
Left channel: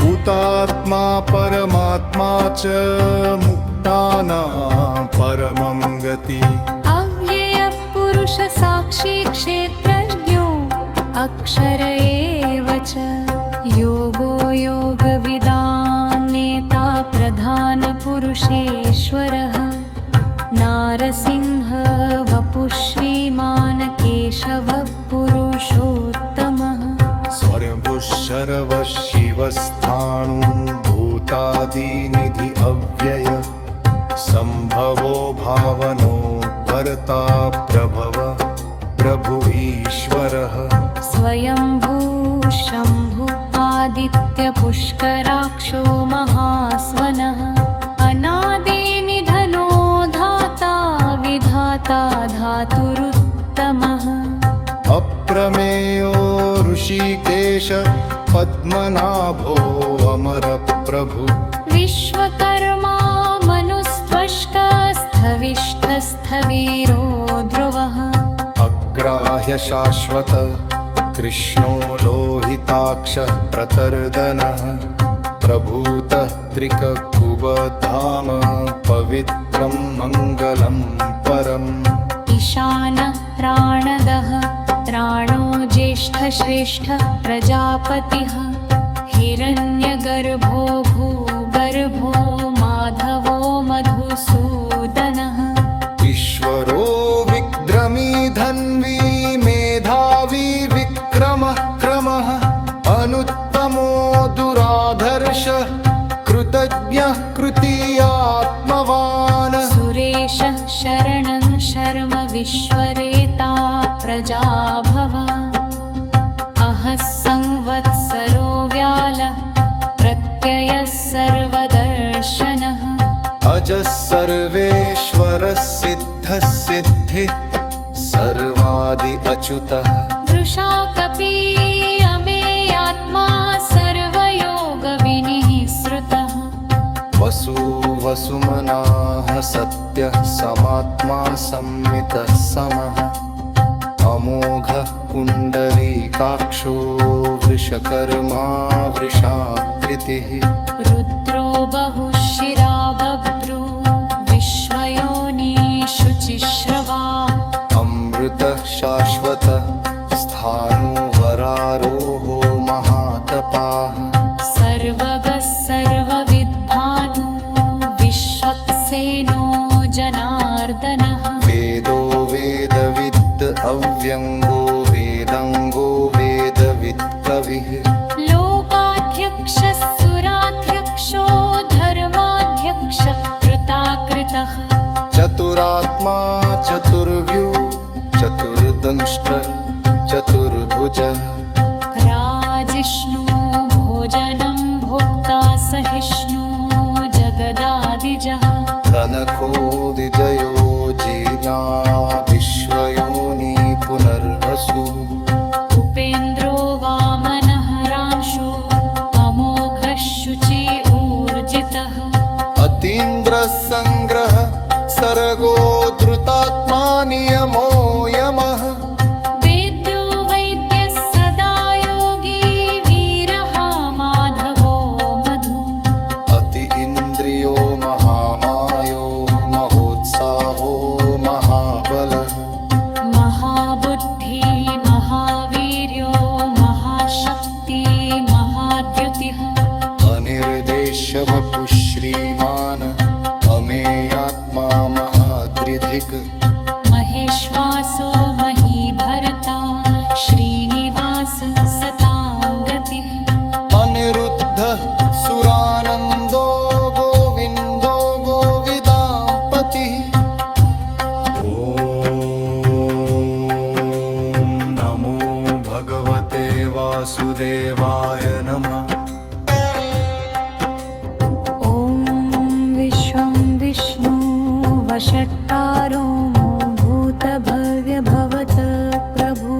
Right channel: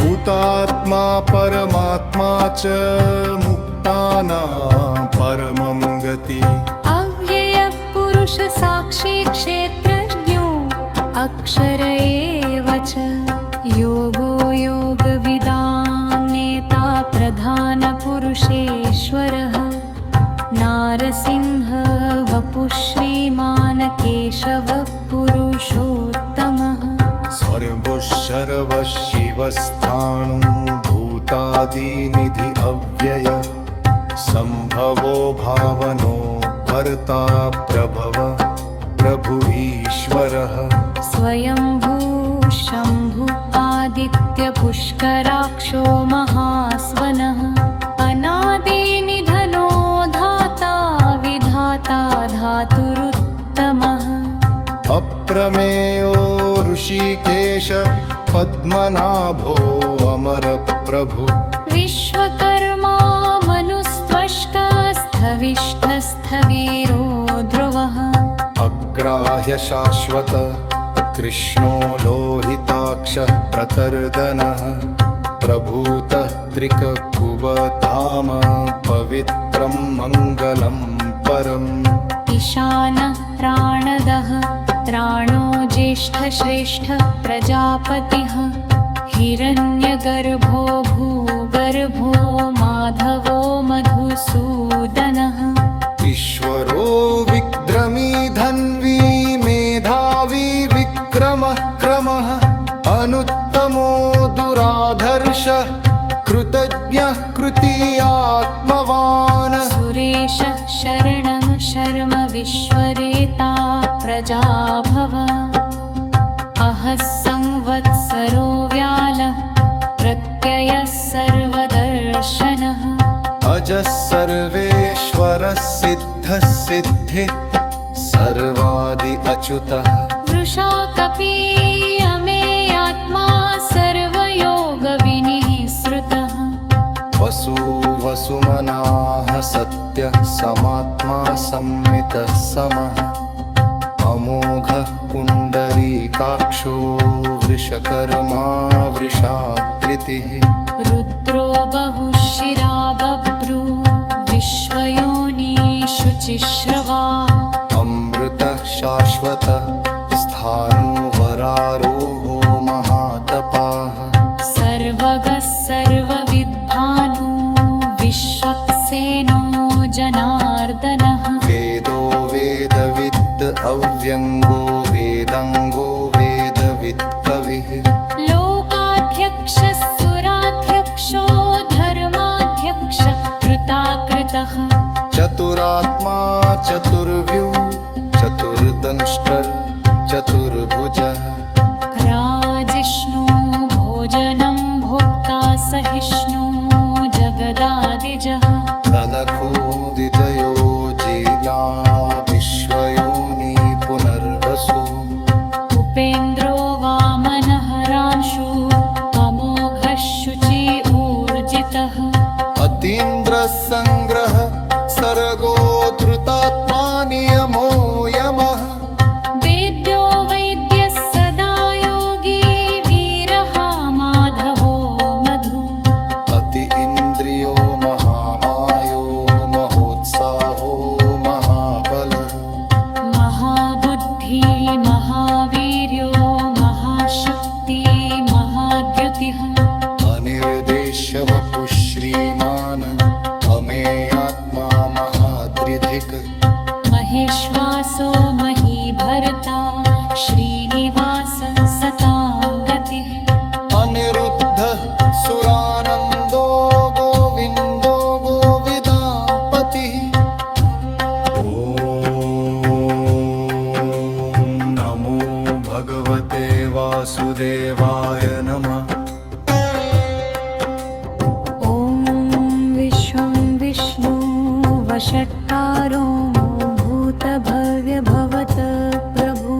भूतात्मा परमात्मा च मुक्ता मुक्तानां परमं गति अव्ययः पुरुष साक्षी क्षेत्रज्ञो अक्षर एव च योगो योगविदां नेता प्रधानपुरुषेश्वरः नारसिंह वपुः श्रीमान् केशवः पुरुषोत्तमः स्वयंभुः शर्वः शिवस्थाणुभूतादिनिधि अव्यय संभवो भावनो भर्ता प्रभव प्रभु ईश्वरः स्वयंभू शम्भु आदित्यपुष्कराक्षो महास्वनः अनादिनिधनो धाता विधाता धातुरुत्तमः अप्रमेयो ऋषिकेश पद्मनाभो अमर प्रभु विश्वकर्मा मनुस्त्वष्टस्थविष्ठस्थवीरो ध्रुवः अग्राह्य शाश्वत कृष्णो लोहिताक्ष प्रतर्दनः प्रभूतः त्रिककुबधाम पवित्रं मङ्गलं परम् ईशानः प्राणदः त्राणो ज्येष्ठश्रेष्ठ प्रजापतिः हिरण्यगर्भो भूगर्भो माधवो मधुसूदनः ईश्वरो विक्रमी धन्वी मेधावी विक्रमः क्रमः अनुत्तमो दुराधर्ष कृतज्ञः कृतीयात्मवान् सुरेशः शरणं शर्म विश्वरेता प्रजाभव अहः संवत्सरो व्यालः प्रत्ययः सर्वदर्शनः अजः सर्वेश्वरः सिद्धः सिद्धिः सर्वादि अच्युतः वृषाकपि अमेयात्मा सर्वयोगविनिःसृतः वसु वसुमनाः सत्यः समात्मा संमितः समः अमोघः पुण्डरीकाक्षो वृषकर्मा वृषाकृतिः रुद्रो बहुशिरा बभ्रू विश्वयोनिषु चिश्रवा अमृतः शाश्वतः स्थाणुवरारोहो महातपाः सर्वगः सर्वविद्भानु विश्वक्सेनो जनार्दनः वेदो वेदविद् अव्यङ्गो वेदङ्गो वेदवित् कविः लोकाध्यक्षः सुराध्यक्षो धर्माध्यक्षः कृताकृतः चतुरात्मा चतुर्व्यू चतुर्दंष्ट्रः चतुर्भुजः राजिष्णु भोजनं भोक्ता सहिष्णु जगदादिजः तनखो विजयो जीर्णा विश्वयोनि पुनर्वसु उपेन्द्रो वामनः रांशु अमोघः शुचि ऊर्जितः अतीन्द्रः सङ्ग्रह सर्गो धृतात्मा नियमो यमः वेद्यो वैद्यः सदा योगी वीरः माधवो मधु अति इन्द्रियो महामायो महोत्साहो महाबलः महाबुद्धि महावीर्यो महाशक्ति महाद्युतिः अनिर्देश्य वपुः श्रीमान् अमेयात्मा महाद्रिधिक् महेश्वासो महीभर्ता श्रीनिवास सतां गतिः अनिरुद्धः सुरानन्दो गोविन्दो गोविदापतिः ॐ नमो भगवते वासुदेवाय नमः ॐ विश्वं विष्णु वषट्कारो भूतभव्यभवत प्रभु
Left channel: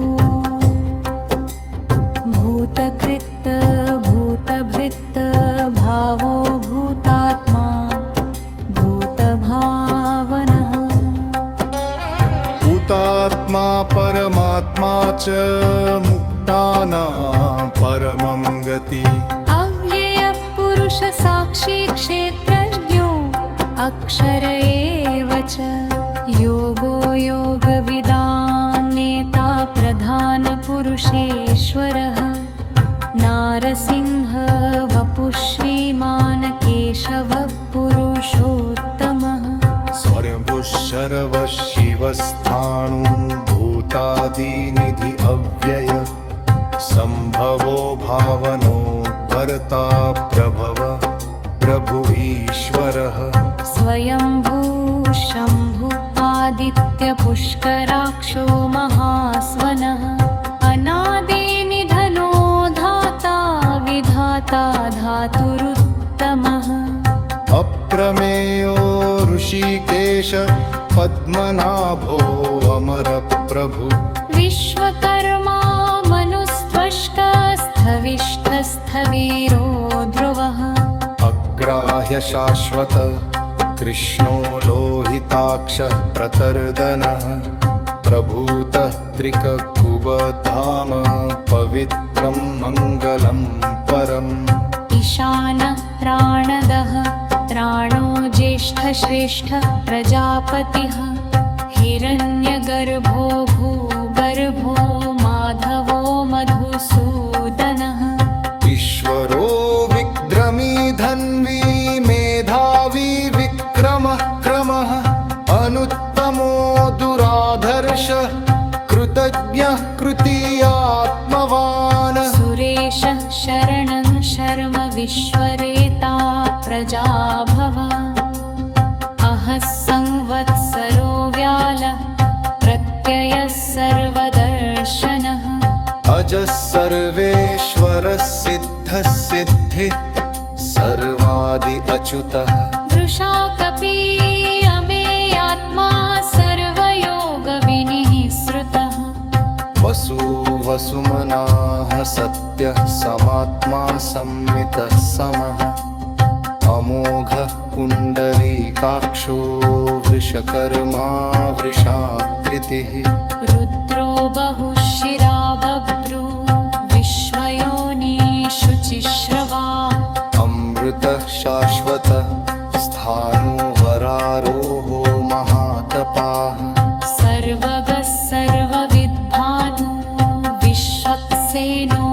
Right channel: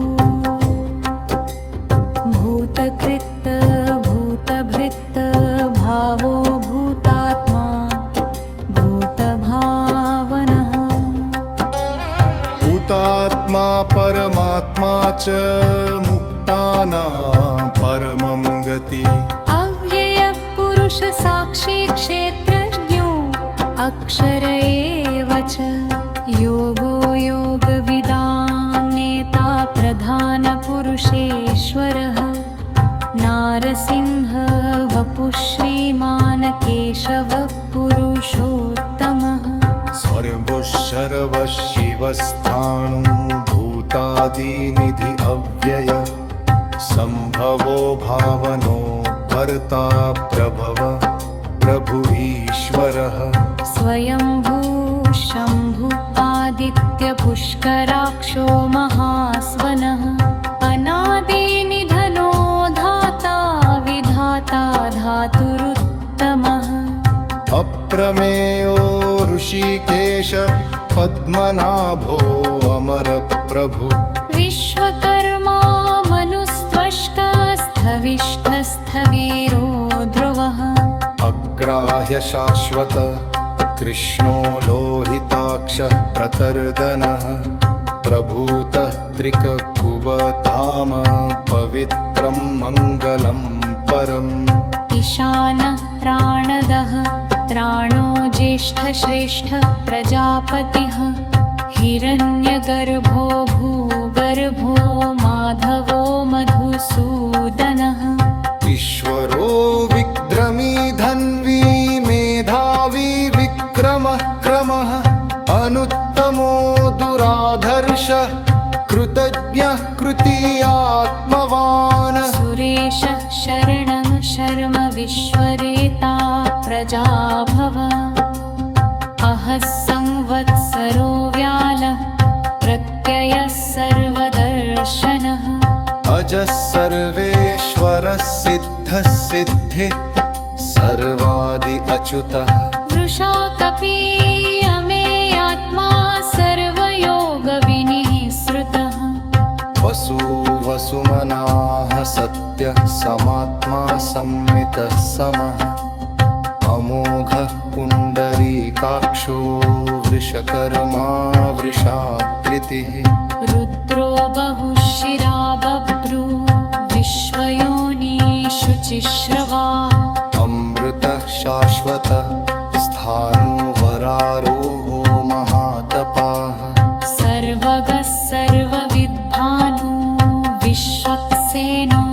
भूतकृत् भूतभृत् भावो भूतात्मा भूतभावनः भूतात्मा परमात्मा च मुक्तानां परमं गति अव्ययः पुरुष साक्षी क्षेत्रज्ञो अक्षर एव च योगो योगविदां नेता प्रधानपुरुषेश्वरः नारसिंह वपुः श्रीमान् केशवः पुरुषोत्तमः सर्वः शर्वः शिवस्थाणु भूतादिनिधि अव्यय संभवो भावनो भर्ता प्रभव प्रभु ईश्वरः स्वयंभू शम्भु आदित्यपुष्कराक्षो महास्वनः अनादिनिधनो धाता विधाता धातुरुत्तमः अप्रमेयो ऋषिकेश पद्मनाभो अमरप्रभु विश्वकर्मा मनुस्त्वष्कस्थविष्ठस्थवीरो ध्रुवः अग्राह्य शाश्वत कृष्णो लोहिताक्षः प्रतर्दनः प्रभूतः त्रिककुबधाम पवित्रं मङ्गलं परम् ईशानः प्राणदः त्राणो ज्येष्ठश्रेष्ठः प्रजापतिः हिरण्यगर्भो भूगर्भो माधवो मधुसूदनः ईश्वरो विक्रमी धन्वी मेधावी विक्रमः क्रमः अनुत्तमो दुराधर्षः कृतज्ञः कृतीयात्मवान् सुरेशः शरणं शर्म विश्वरेता प्रजाभव अहः संवत्सरो व्यालः प्रत्ययः सर्वदर्शनः अजः सर्वेश्वरः सिद्धः सिद्धिः सर्वादि अच्युतः वृषा कपी अमेयात्मा सर्वयोगविनिः श्रुतः वसु वसुमनाः सत्यः समात्मा संमितः समः अमोघः पुण्डरीकाक्षो वृषकर्मा वृषाकृतिः रुद्रो बहुशिरा बभ्रू विश्वयोनिषु चिश्रवा अमृतः शाश्वतः स्थाणुवरारोहो महातपाः सर्वगः सर्वविद्भानु विश्वक्सेनो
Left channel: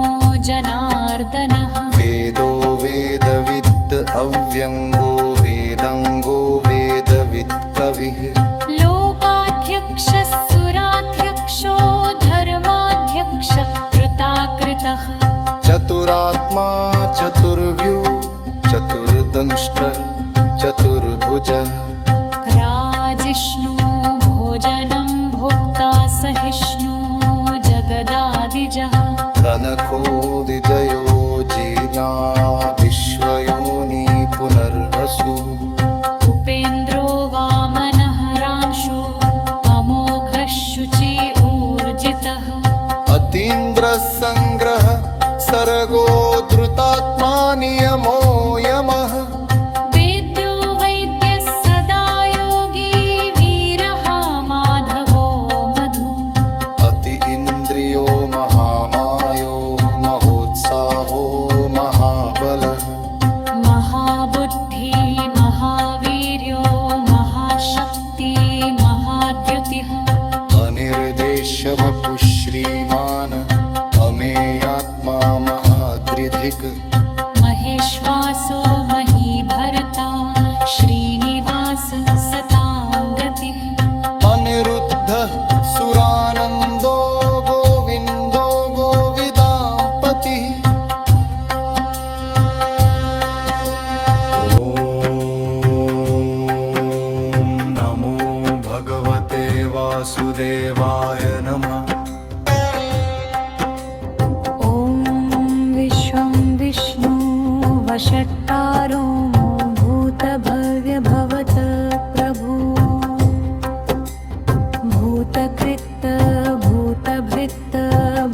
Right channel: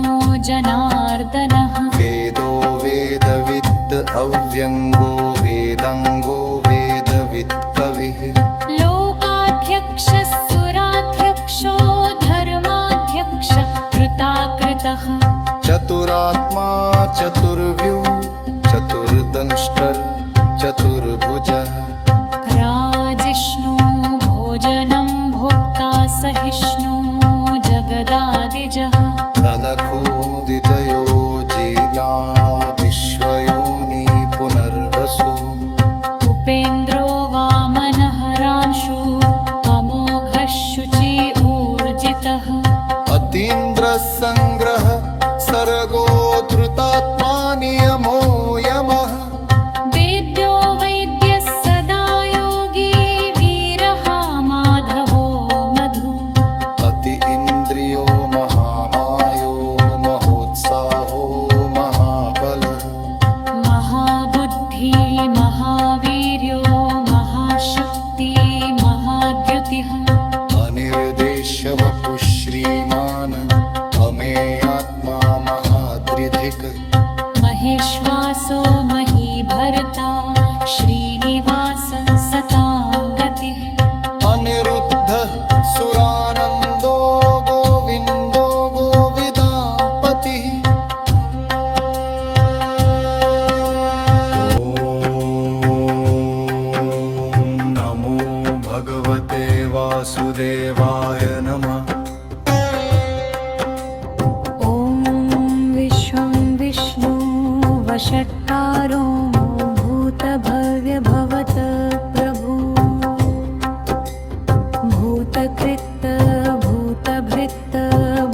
जनार्दनः वेदो वेदविद् अव्यङ्गो वेदाङ्गो वेदवित् कविः लोकाध्यक्षः सुराध्यक्षो धर्माध्यक्षः कृताकृतः चतुरात्मा चतुर्व्यूः चतुर्दंष्ट्रः चतुर्भुजः राजिष्णु भोजनं भोक्ता सहिष्णु जगदादिजः तनखो विजयो जीर्या विश्वयोनि पुनर्वसु उपेन्द्रो वामनः रांशु अमोघः शुचि ऊर्जितः अतीन्द्रः सङ्ग्रह सर्गो धृतात्मा नियमो यमः वेद्यो वैद्यः सदा योगी वीरः माधवो मधु अति इन्द्रियो महामायो महोत्साहो महाबलः महाबुद्धि महावीर्यो महाशक्ति महाद्युतिः अनिर्देश्य वपुः श्रीमान् अमेयात्मा महादृधिक् महेश्वासो महीभर्ता श्रीनिवास सतां गतिः अनिरुद्धः सुरानन्दो गोविन्दो गोविदापतिः ॐ नमो भगवते वासुदेवाय नमः ॐ विश्वं विष्णु वषट्कारो भूतभव्यभवत प्रभु भूतकृत् भूतभृत्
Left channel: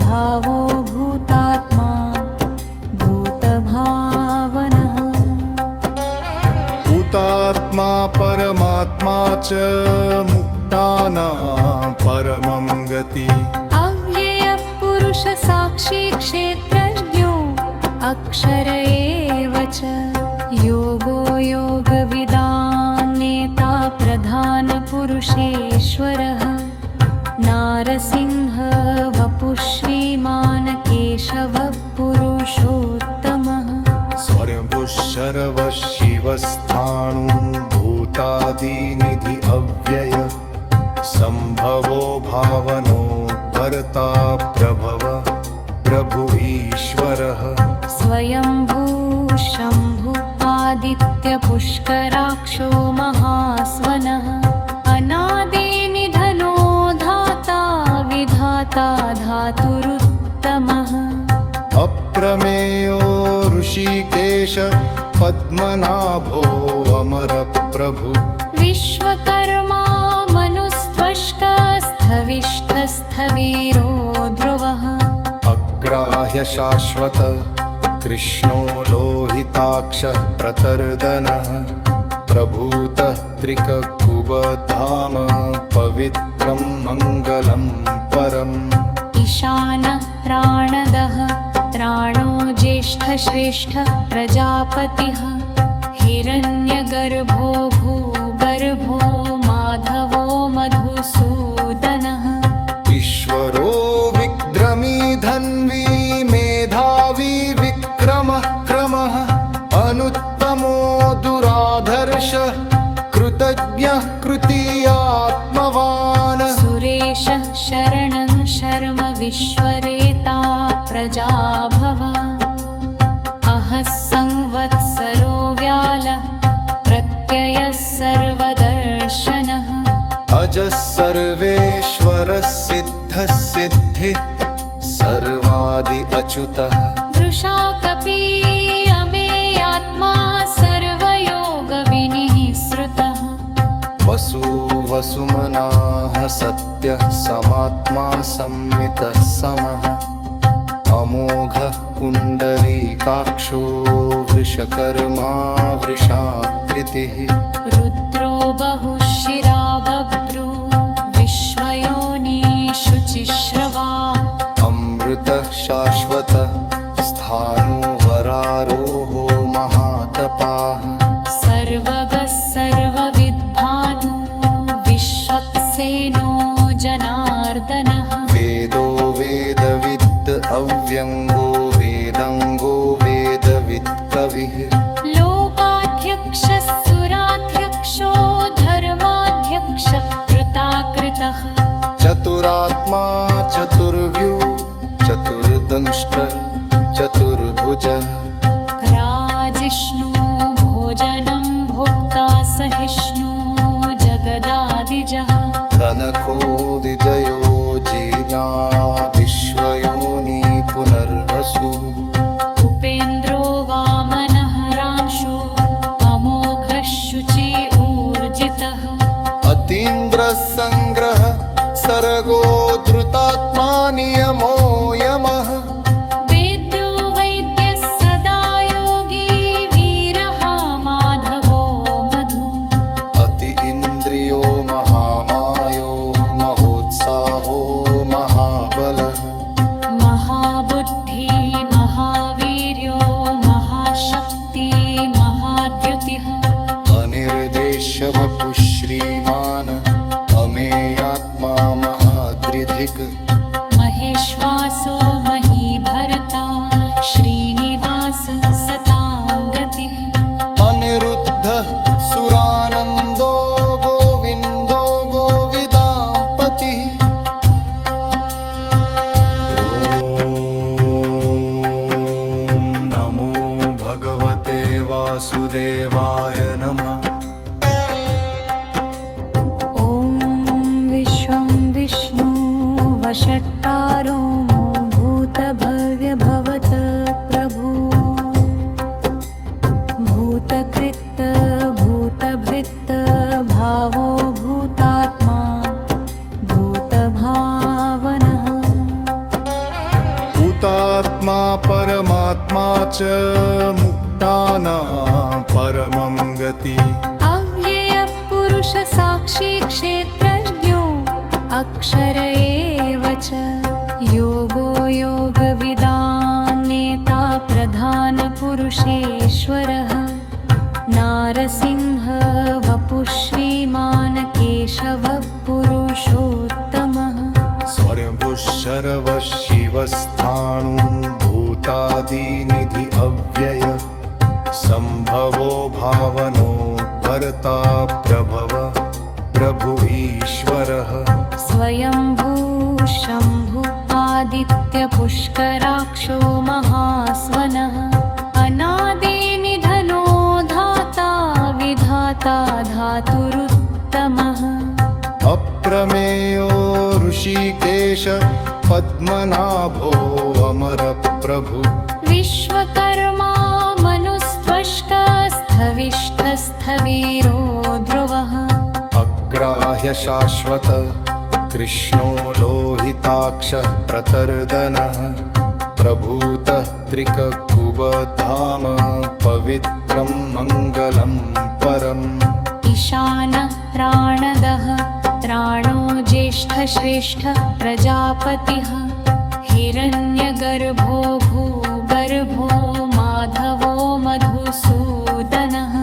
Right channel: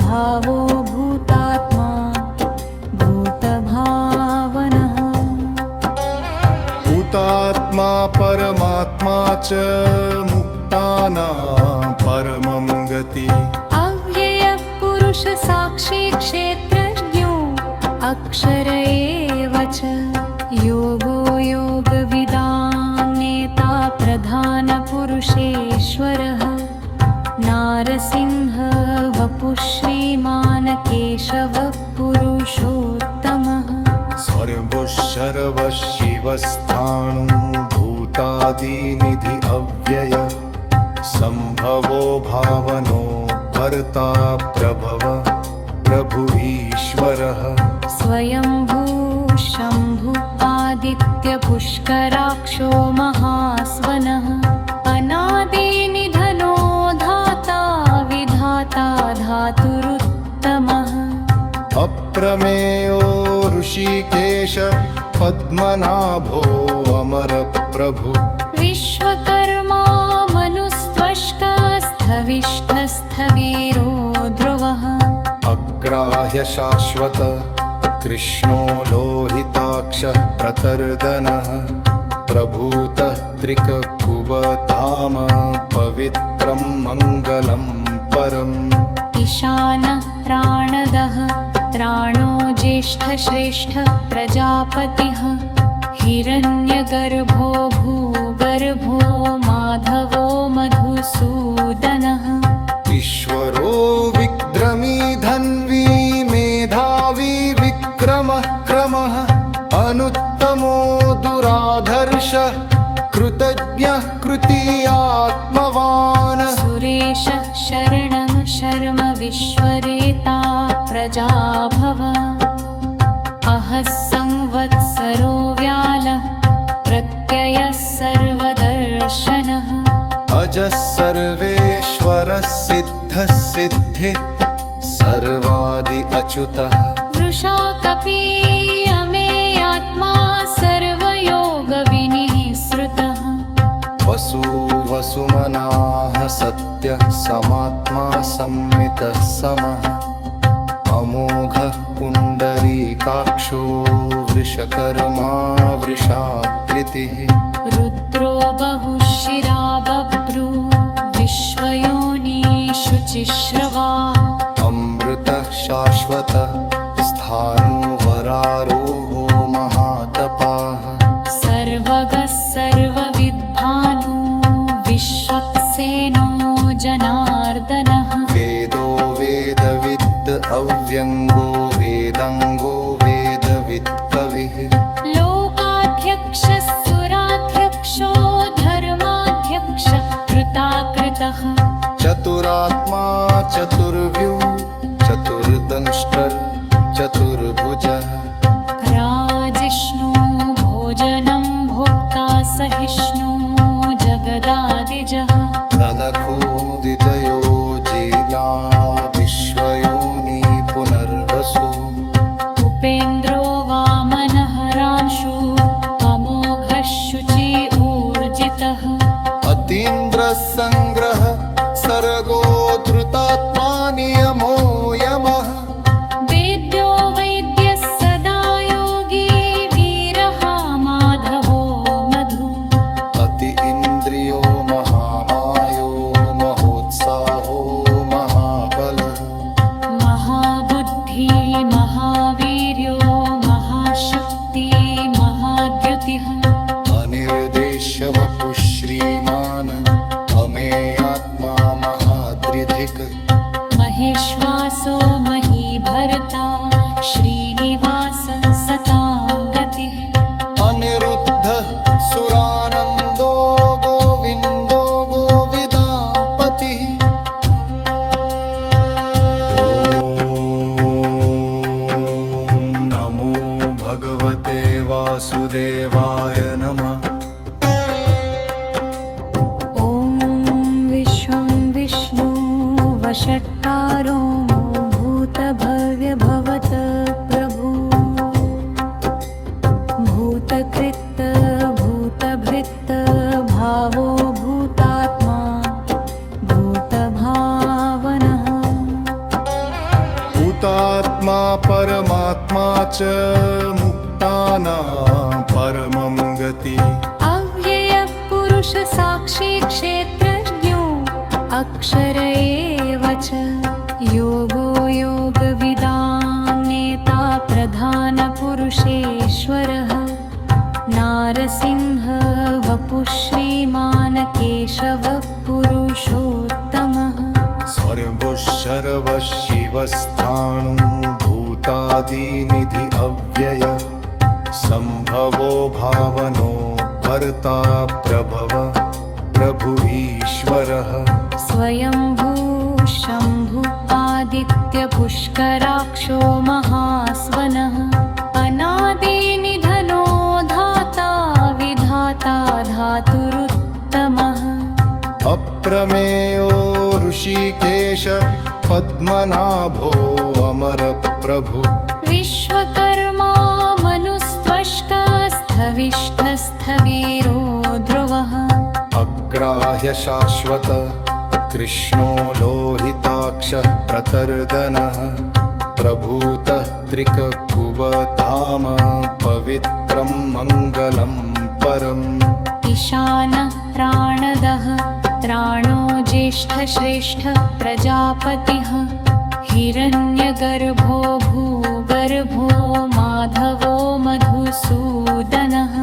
भावो भूतात्मा भूतभावनः भूतात्मा परमात्मा च मुक्तानां परमं गति अव्ययः पुरुषसाक्षी क्षेत्रज्ञो अक्षर एव च योगो योगविदां नेता प्रधानपुरुषेश्वरः नारसिंह वपुः श्रीमान् केशवः पुरुषोत्तमः सर्वः शर्वः शिवस्थाणु भूतादिनिधि अव्यय संभवो भावनो भर्ता प्रभव प्रभु ईश्वरः स्वयंभू शम्भु आदित्यपुष्कराक्षो महास्वनः अनादिनिधनो धाता विधाता धातुरुत्तमः अप्रमेयो ऋषिकेश पद्मनाभो अमरप्रभु विश्वकर्मा मनुस्त्वष्कस्थविष्ठस्थवीरो ध्रुवः अग्राह्य शाश्वत कृष्णो लोहिताक्षः प्रतर्दनः प्रभूतः त्रिककुबधाम पवित्रं मङ्गलं परम् ईशानः प्राणदः त्राणो ज्येष्ठश्रेष्ठः प्रजापतिः हिरण्यगर्भो भूगर्भो माधवो मधुसूदनः ईश्वरो विक्रमी धन्वी मेधावी विक्रमः क्रमः अनुत्तमो दुराधर्षः कृतज्ञः कृतीयात्मवान् सुरेशः शरणं शर्म विश्वरेता प्रजाभव अहः संवत्सरो व्यालः प्रत्ययः सर्वदर्शनः अजः सर्वेश्वरः सिद्धः सिद्धिः सर्वादि अच्युतः वृषा कपी अमेयात्मा सर्वयोगविनिःसृतः वसु वसुमनाः सत्यः समात्मा संमितः समः अमोघः पुण्डरीकाक्षो वृषकर्मा वृषाकृतिः रुद्रो बहुशिरा बभ्रू विश्वयोनिषुचिश्रवा अमृतः शाश्वतः स्थाणुवरारोहो महातपाः सर्वगः सर्वविद्भानु विश्वक्सेनो जनार्दनः वेदो वेदविद् अव्यङ्गो वेदाङ्गो वेदवित् कविः लोकाध्यक्षः सुराध्यक्षो धर्माध्यक्षः कृताकृतः चतुरात्मा चतुर्व्यूः चतुर्दंष्ट्रः चतुर्भुजः राजिष्णु भोजनं भोक्ता सहिष्णु जगदादिजः तनखो विजयो जीर्णा विश्वयोनि पुनर्वसु उपेन्द्रो वामनः रांशु अमोघः शुचि ऊर्जितः अतीन्द्रः सङ्ग्रह सर्गो धृतात्मा नियमो यमः वेद्यो वैद्यः सदा योगी वीरः माधवो मधु अति इन्द्रियो महामायो महोत्साहो महाबलः महाबुद्धि महावीर्यो महाशक्ति महाद्युतिः अनिर्देश्य वपुः श्रीमान् अमेयात्मा महादृधिक् महेश्वासो महीभर्ता श्रीनिवास सतां गतिः अनिरुद्धः सुरानन्दो गोविन्दो गोविदापतिः ॐ नमो भगवते वासुदेवाय नमः ॐ विश्वं विष्णु वषट्कारो भूतभव्यभवत प्रभु भूतकृत् भूतभृत् भावो भूतात्मा भूतभावनः भूतात्मा परमात्मा च मुक्तानां परमं गति अव्ययः पुरुष साक्षी क्षेत्रज्ञो अक्षर एव च योगो योगविदां नेता प्रधानपुरुषेश्वरः नारसिंह वपुः श्रीमान् केशवः पुरुषोत्तमः स्वयंभुः शर्वः शिवस्थाणुभूतादिनिधि अव्यय संभवो भावनो भर्ता प्रभव प्रभु ईश्वरः स्वयंभू शम्भु आदित्यपुष्कराक्षो महास्वनः अनादिनिधनो धाता विधाता धातुरुत्तमः अप्रमेयो ऋषिकेश पद्मनाभो अमरप्रभु विश्वकर्मा मनुस्त्वष्कस्थविष्ठस्थवीरो ध्रुवः अग्राह्य शाश्वत कृष्णो लोहिताक्षः प्रतर्दनः प्रभूतः त्रिककुबधाम पवित्रं मङ्गलं परम् ईशानः प्राणदः त्राणो ज्येष्ठश्रेष्ठ प्रजापतिः हिरण्यगर्भो भूगर्भो माधवो मधुसूदनः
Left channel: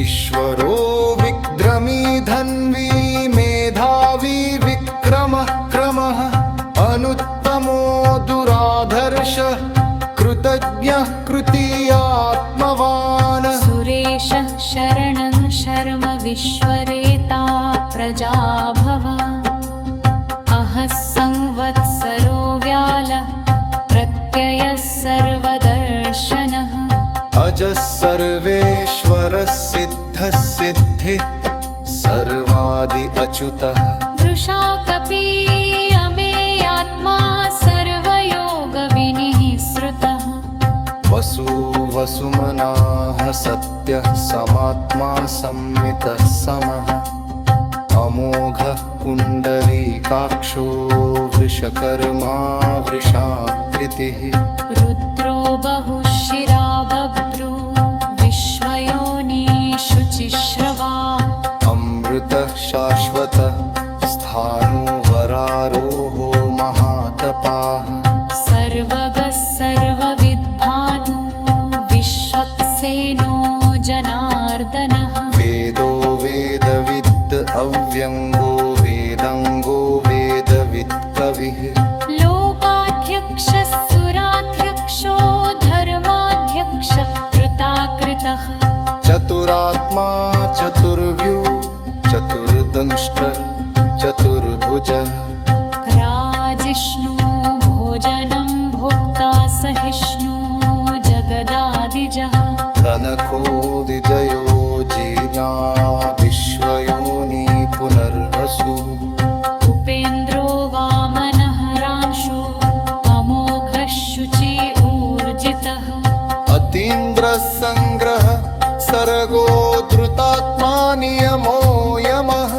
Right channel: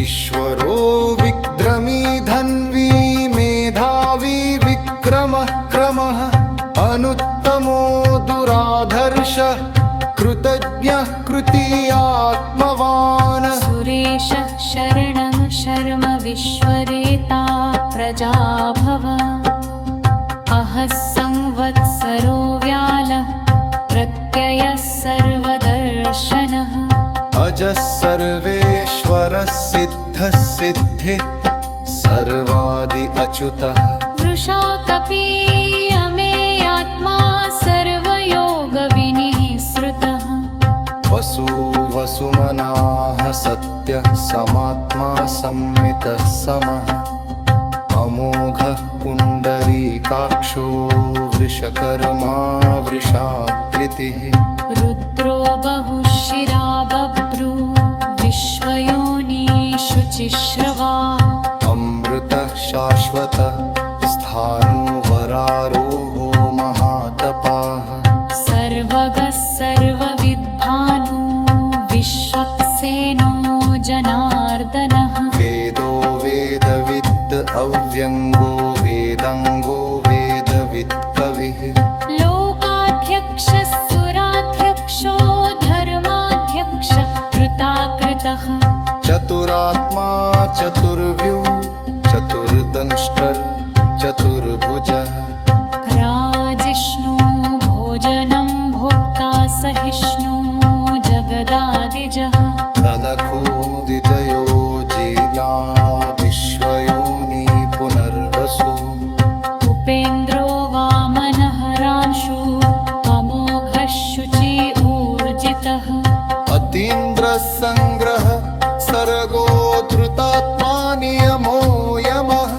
ईश्वरो विक्रमी धन्वी मेधावी विक्रमः क्रमः अनुत्तमो दुराधर्षः कृतज्ञः कृतीयात्मवान् सुरेशः शरणं शर्म विश्वरेता प्रजाभव अहः संवत्सरो व्यालः प्रत्ययः सर्वदर्शनः अजः सर्वेश्वरः सिद्धः सिद्धिः सर्वादि अच्युतः वृषा कपी अमेयात्मा सर्वयोगविनिःसृतः वसु वसुमनाः सत्यः समात्मा संमितः समः अमोघः पुण्डरीकाक्षो वृषकर्मा वृषाकृतिः रुद्रो बहुशिरा बभ्रू विश्वयोनिषु चिश्रवा अमृतः शाश्वतः स्थाणुवरारोहो महातपाः सर्वगः सर्वविद्भानु विश्वक्सेनो जनार्दनः वेदो वेदविद् अव्यङ्गो वेदाङ्गो वेदवित् कविः लोकाध्यक्षः सुराध्यक्षो धर्माध्यक्षः कृताकृतः चतुरात्मा चतुर्व्यू चतुर्दंष्ट्रः चतुर्भुजः राजिष्णु भोजनं भोक्ता सहिष्णु जगदादिजः धनखो विजयो जीर्या विश्वयोनि पुनर्वसु उपेन्द्रो वामनः रांशु अमोघः शुचि ऊर्जितः अतीन्द्रः सङ्ग्रह सर्गो धृतात्मा नियमो यमः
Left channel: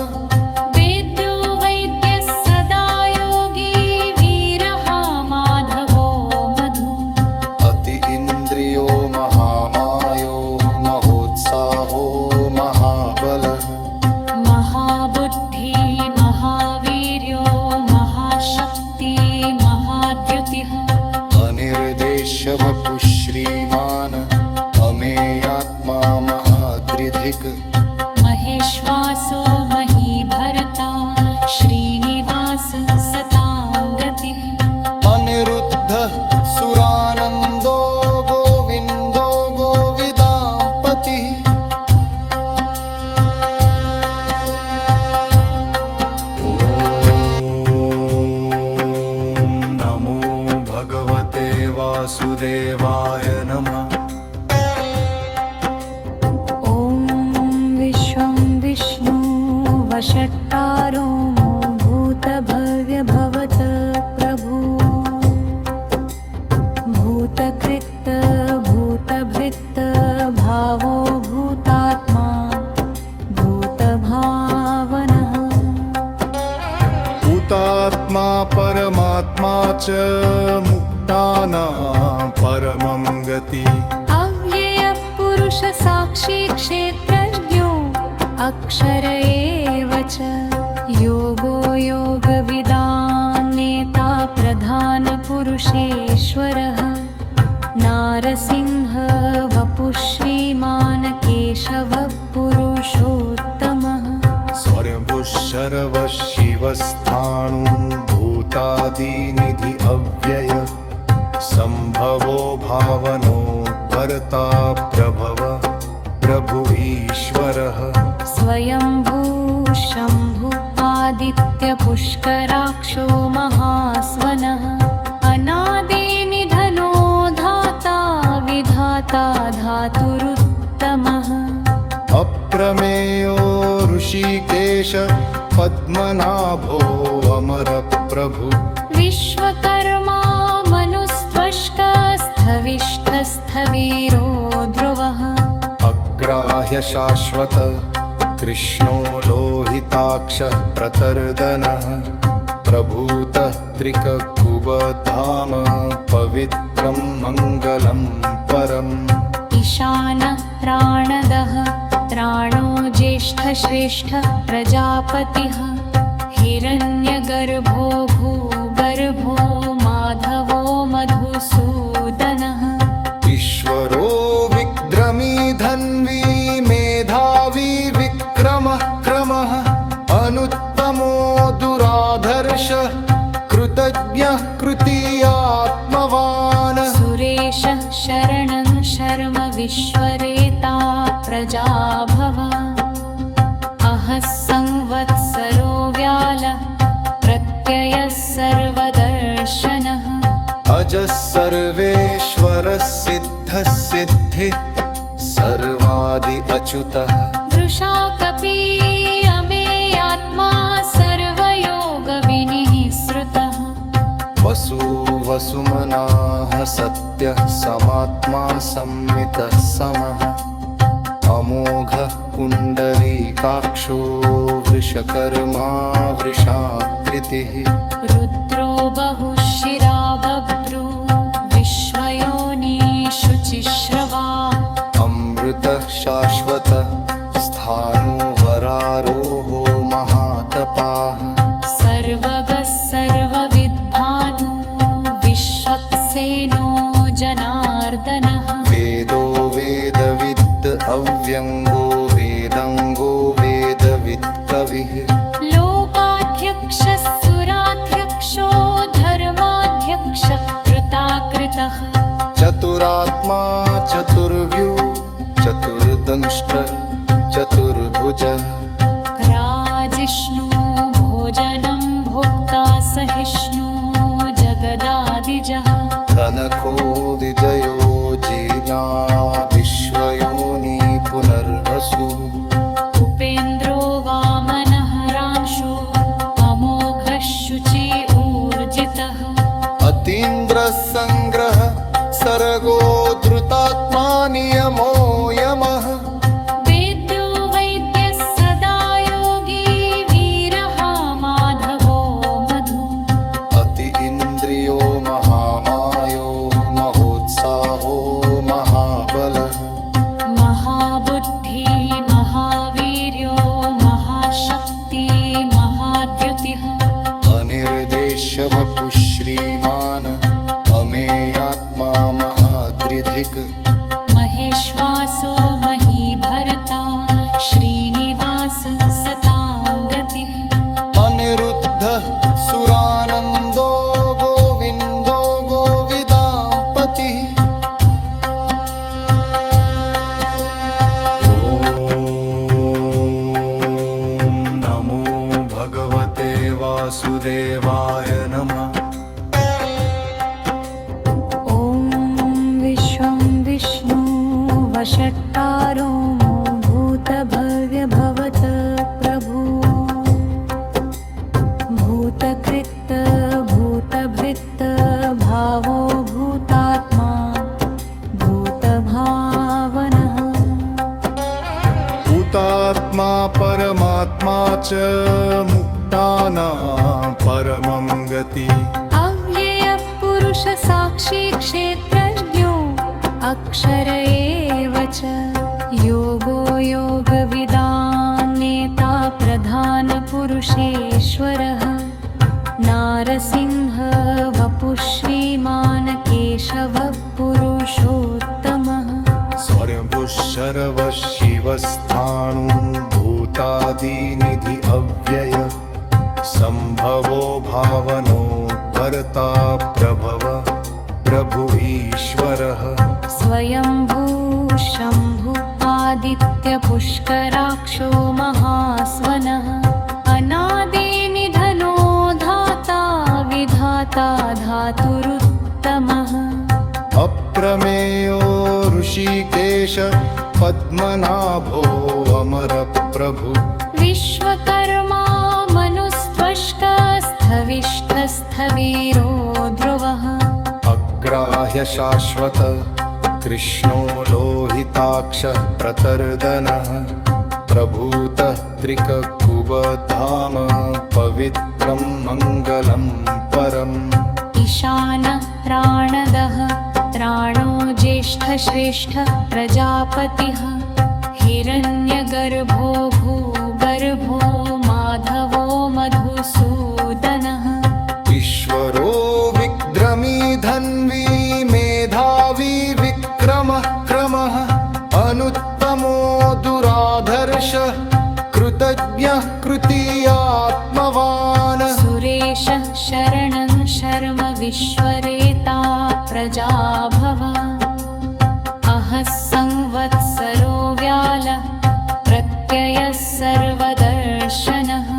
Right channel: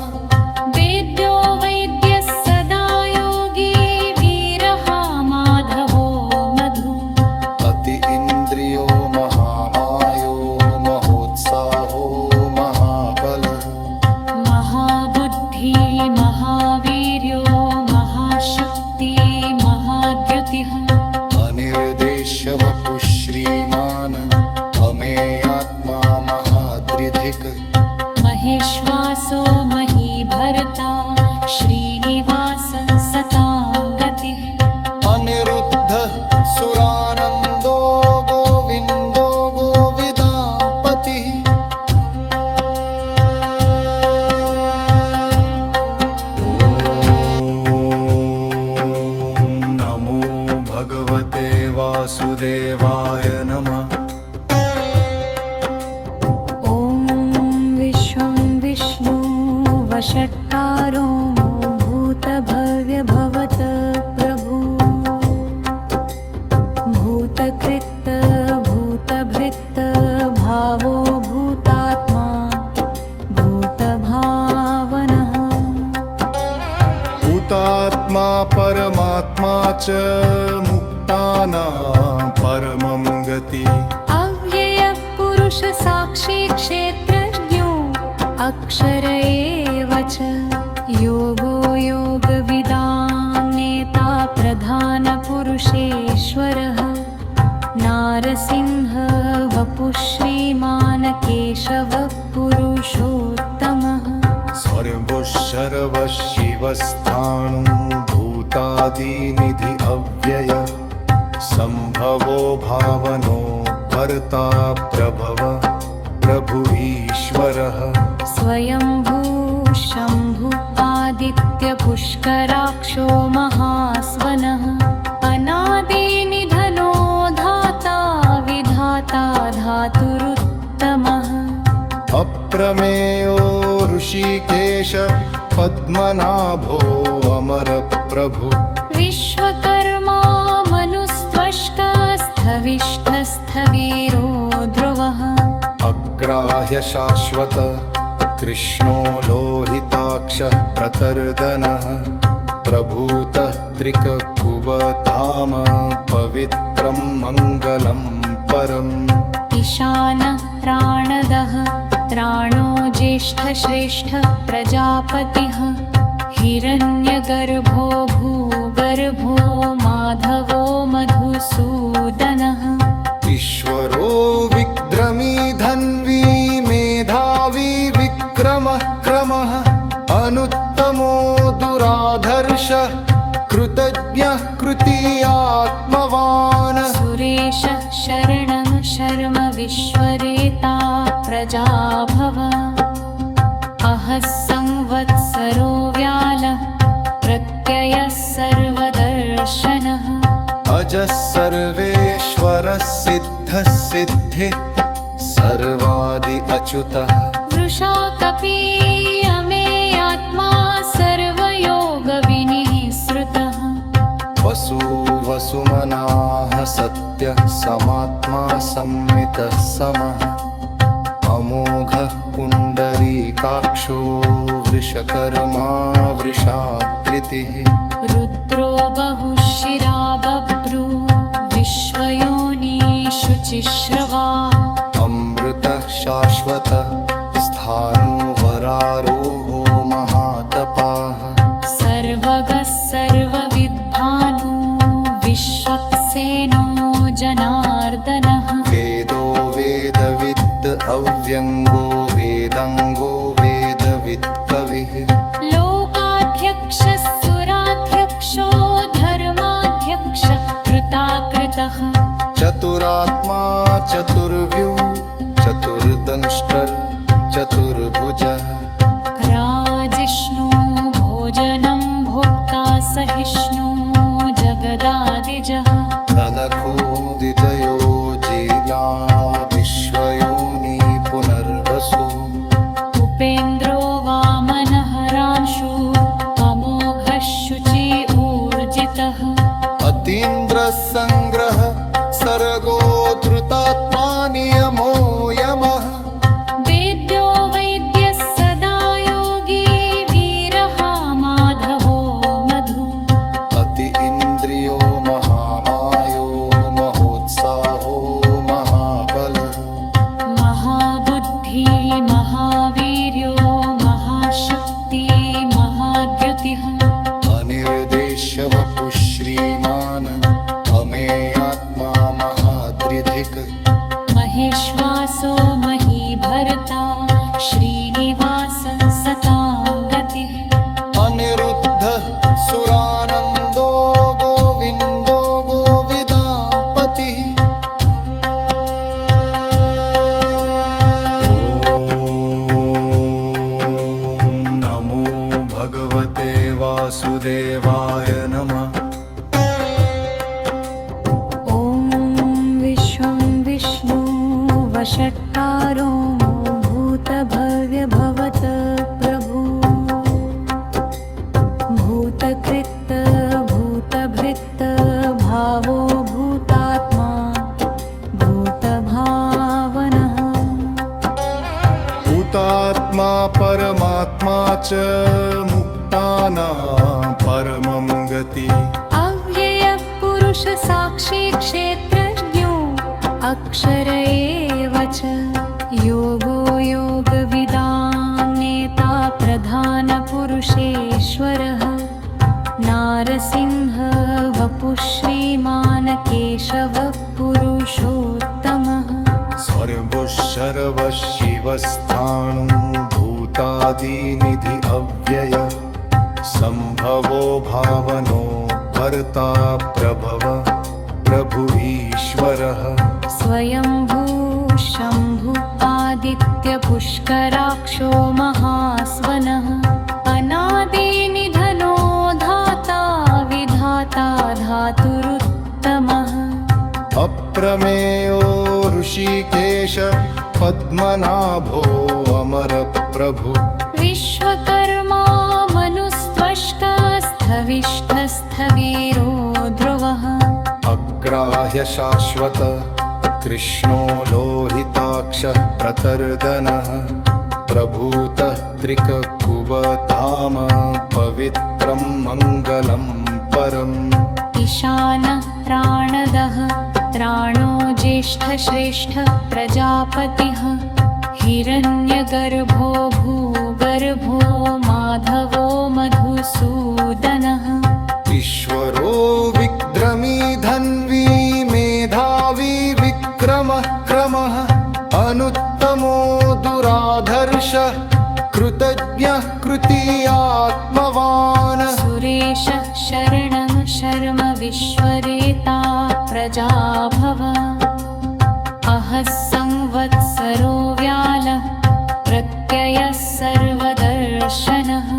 वेद्यो वैद्यः सदा योगी वीरः माधवो मधु अति इन्द्रियो महामायो महोत्साहो महाबलः महाबुद्धि महावीर्यो महाशक्ति महाद्युतिः अनिर्देश्य वपुः श्रीमान् अमेयात्मा महादृधिक् महेश्वासो महीभर्ता श्रीनिवास सतां गतिः अनिरुद्धः सुरानन्दो गोविन्दो गोविदां पतिः ॐ नमो भगवते वासुदेवाय नमः विष्णु वषट्कारो भूतभव्यभवत प्रभु भूतकृत भूतभृत भावो भूतात्मा भूतभावनः भूतात्मा परमात्मा च मुक्तानां परमं गति अव्ययः पुरुष साक्षी क्षेत्रज्ञो अक्षर एव च योगो योगविदां नेता प्रधान पुरुषेश्वरः नारसिंह वपुः श्रीमान् केशवः पुरुषोत्तमः स्वयंभुः शर्वः शिवस्थाणु भूतादिनिधि अव्यय संभवो भावनो भर्ता प्रभव प्रभु ईश्वरः स्वयंभूः शम्भुः आदित्यपुष्कराक्षो महास्वनः अनादिनिधनो धाता विधाता धातुरुत्तमः अप्रमेयो ऋषिकेश पद्मनाभो अमरप्रभु विश्वकर्मा मनुस्त्वष्कस्थविष्ठस्थवीरो ध्रुवः अग्राह्य शाश्वत कृष्णो लोहिताक्षः प्रतर्दनः प्रभूतः त्रिककुबधाम पवित्रं मङ्गलं परम् ईशानः प्राणदः त्राणो ज्येष्ठश्रेष्ठ प्रजापतिः हिरण्यगर्भो भूगर्भो माधवो मधुसूदनः ईश्वरो विक्रमी धन्वी मेधावी विक्रमः क्रमः अनुत्तमो दुराधर्षः कृतज्ञः कृतीयात्मवान् सुरेशः शरणं शर्म विश्वरेता प्रजाभव अहः संवत्सरो व्यालः प्रत्ययः सर्वदर्शनः अजः सर्वेश्वरः सिद्धः सिद्धिः सर्वादि अच्युतः वृषा कपीयमेयात्मा सर्वयोगविनिःसृतः वसु वसुमनाः सत्यः समात्मा संमितः समः अमोघः पुण्डरीकाक्षो वृषकर्मा वृषाकृतिः रुद्रो बहुशिरा बभ्रू विश्वयोनिषुचिश्रवा अमृतः शाश्वतः स्थाणुवरारोहो महातपाः सर्वगः सर्वविद्भानु विश्वक्सेनो जनार्दनः वेदो वेदविद् अव्यङ्गो वेदङ्गो वेदवित् कविः लोकाध्यक्षः सुराध्यक्षो धर्माध्यक्षः कृताकृतः चतुरात्मा चतुर्व्यू चतुर्दंष्ट्रः चतुर्भुजः राजिष्णु भोजनं भोक्ता सहिष्णु जगदादिजः तनखो विजयो जीर्या विश्वयोनि पुनर्वसु उपेन्द्रो वामनः रांशु अमोघः शुचि ऊर्जितः अतीन्द्रः सङ्ग्रह सर्गो धृतात्मा नियमो यमः वेद्यो वैद्यः सदा योगी वीरः माधवो मधु अति इन्द्रियो महामायो महोत्साहो महाबलः महाबुद्धि महावीर्यो महाशक्ति महाद्युतिः अनिर्देश्य वपुः श्रीमान् अमेयात्मा महादृधिक् महेश्वासो महीभर्ता श्रीनिवास सतां गतिः अनिरुद्धः सुरानन्दो गोविन्दो गोविदापतिः नमो भगवते वासुदेवाय नमः। ॐ विश्वं विष्णु वषट्कारो भूतभव्यभवत प्रभु भूतकृत भूतभृत भावो भूतात्मा भूतभावनः भूतात्मा परमात्मा च मुक्तानां परमं गति अव्ययः पुरुष साक्षी क्षेत्रज्ञो अक्षर एव च योगो योगविदां नेता प्रधान पुरुषेश्वरः नारसिंह वपुः श्रीमान् केशवः पुरुषोत्तमः स्वयंभुः शर्वः शिवस्थाणुभूतादिनिधि अव्यय संभवो भावनो भर्ता प्रभव प्रभु ईश्वरः स्वयंभू शम्भु आदित्यपुष्कराक्षो महास्वनः अनादिनिधनो धाता विधाता धातुरुत्तमः अप्रमेयो ऋषिकेश पद्मनाभो अमर प्रभु विश्वकर्मा मनुस्त्वष्टस्थविष्ठस्थवीरो ध्रुवः अग्राह्य शाश्वत कृष्णो लोहिताक्षः प्रतर्दनः प्रभूतः त्रिककुबधाम पवित्रं मङ्गलं परम् ईशानः प्राणदः प्राणो ज्येष्ठश्रेष्ठ प्रजापतिः हिरण्यगर्भो भूगर्भो माधवो मधुसूदनः ईश्वरो विक्रमी धन्वी मेधावी विक्रमः क्रमः अनुत्तमो दुराधर्षः कृतज्ञः कृतीयात्मवान् सुरेशः शरणं शर्म विश्वरेता प्रजाभव अहः संवत्सरो व्यालः प्रत्ययः सर्वदर्शनः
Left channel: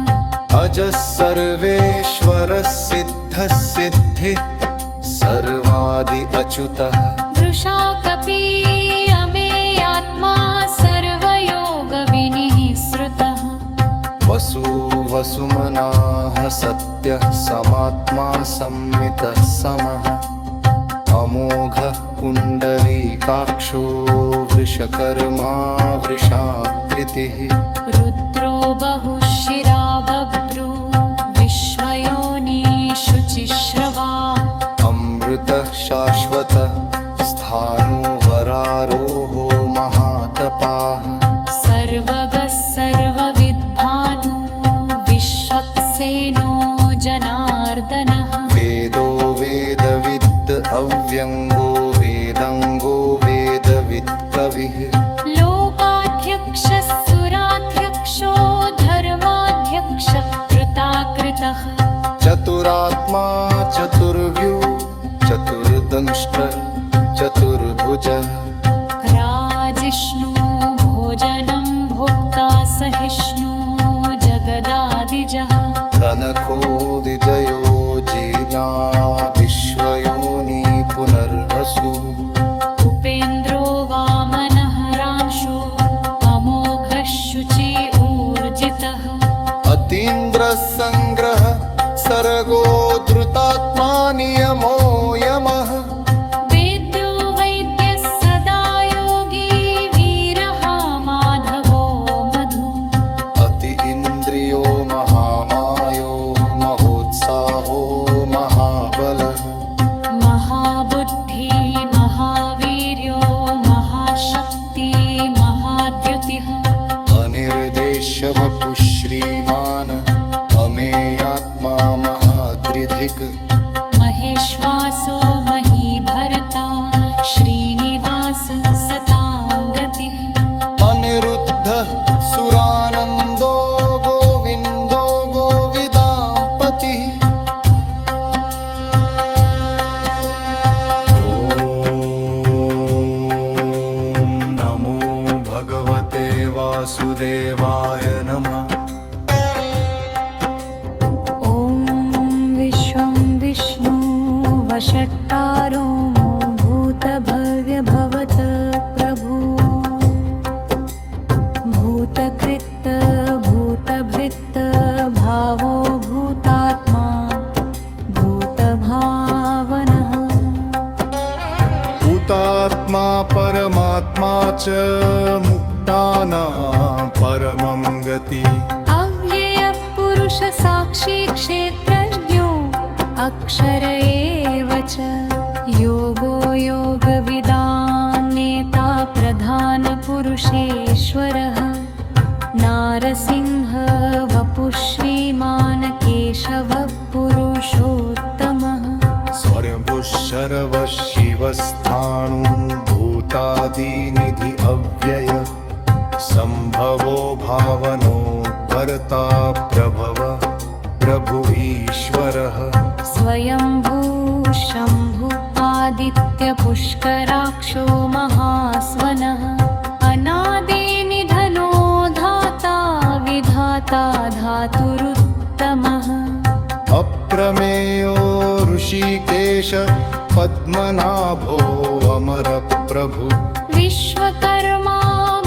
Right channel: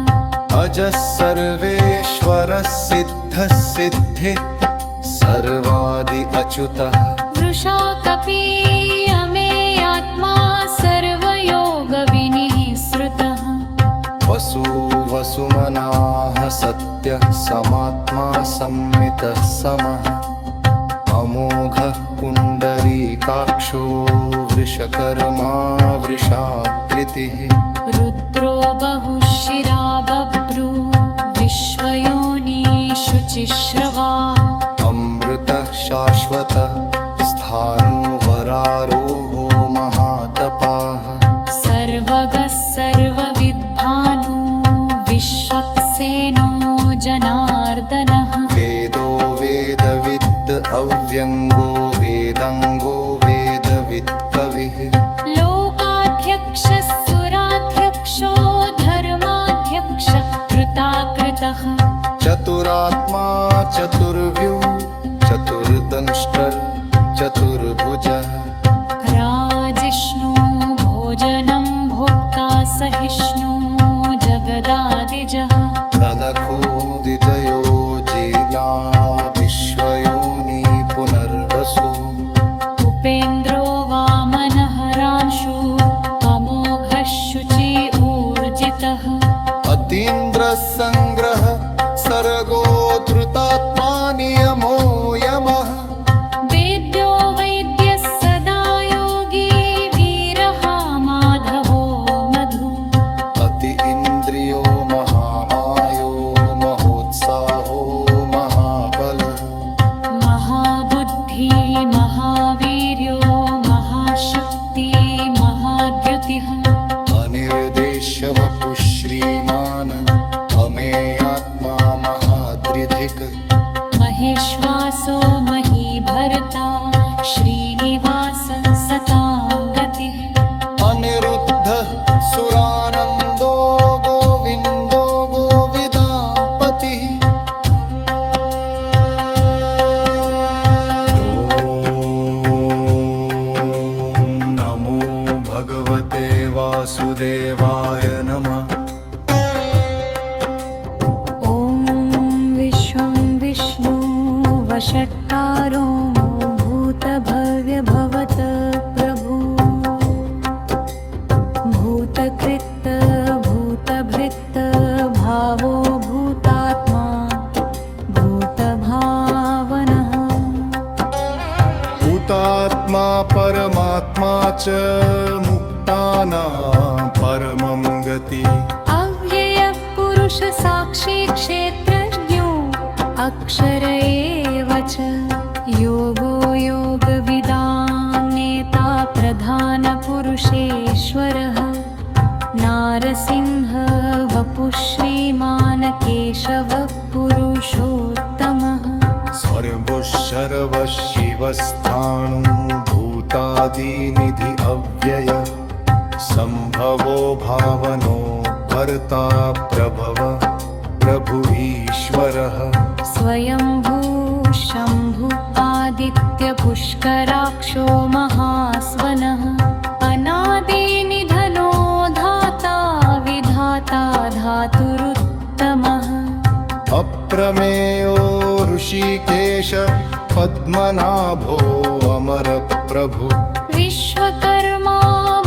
अजः सर्वेश्वरः सिद्धः सिद्धिः सर्वादि अच्युतः वृषा कपी अमेयात्मा सर्वयोगविनिः श्रुतः वसु वसुमनाः सत्यः समात्मा संमितः समः अमोघः पुण्डरीकाक्षो वृषकर्मा वृषाकृतिः रुद्रो बहुशिरा बभ्रू विश्वयोनिषु चिश्रवा अमृतः शाश्वतः स्थाणुवरारोहो महातपाः सर्वगः सर्वविद्भानु विश्वक्सेनो जनार्दनः वेदो वेदविद् अव्यङ्गो वेदाङ्गो वेदवित् कविः लोकाध्यक्षः सुराध्यक्षो धर्माध्यक्षः कृताकृतः चतुरात्मा चतुर्व्यू चतुर्दंष्ट्रः चतुर्भुजः राजिष्णु भोजनं भोक्ता सहिष्णु जगदादिजः कनको विजयो जीर्या विश्वयोनि पुनर्वसु उपेन्द्रो वामनः रांशु अमोघः शुचि ऊर्जितः अतीन्द्रः सङ्ग्रह सर्गो धृतात्मा नियमो यमः वेद्यो वैद्यः सदा योगी वीरः माधवो मधु अति इन्द्रियो महामायो महोत्साहो महाबलः महाबुद्धि महावीर्यो महाशक्ति महाद्युतिः अनिर्देश्य वपुः श्रीमान् अमेयात्मा महादृधिक् महेश्वासो महीभर्ता श्रीनिवास सताङ्गतिः अनिरुद्धः सुरानन्दो गोविन्दो गोविदापतिः नमो भगवते वासुदेवाय नमः ॐ विश्वं विष्णु वषट्कारो भूतभव्यभवत प्रभु भूतकृत् भूतभृत् भावो भूतात्मा भूतभावनः भूतात्मा परमात्मा च मुक्तानां परमं गति अव्ययः पुरुष साक्षी क्षेत्रज्ञो अक्षर एव च योगो योगविदां नेता प्रधान पुरुषेश्वरः नारसिंह वपुः श्रीमान् केशवः पुरुषोत्तमः स्वयंभुः शर्वः शिवस्थाणुभूतादिनिधि अव्यय संभवो भावनो भर्ता प्रभव प्रभु ईश्वरः स्वयंभू शम्भु आदित्यपुष्कराक्षो महास्वनः अनादिनिधनो धाता विधाता धातुरुत्तमः अप्रमेयो ऋषिकेश पद्मनाभो अमरप्रभु विश्वकर्मा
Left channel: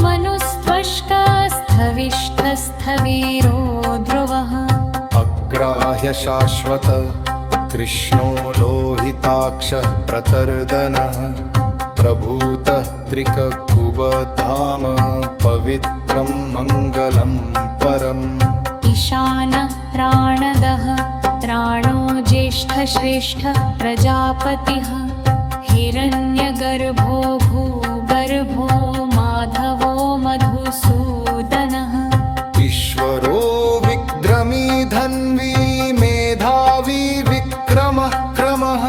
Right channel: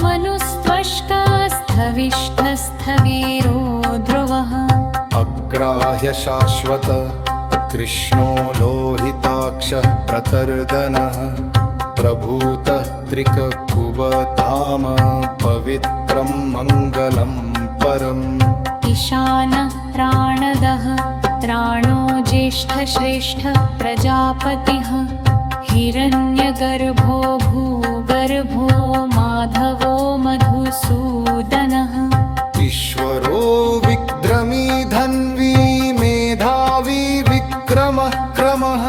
मनुस्त्वष्टस्थविष्ठस्थवीरो ध्रुवः अग्राह्य शाश्वत कृष्णो लोहिताक्षः प्रतर्दनः प्रभूतः त्रिककुबधाम पवित्रं मङ्गलं परम् ईशानः प्राणदः प्राणो ज्येष्ठश्रेष्ठः प्रजापतिः हिरण्यगर्भो भूगर्भो माधवो मधुसूदनः ईश्वरो विक्रमी धन्वी मेधावी विक्रमः क्रमः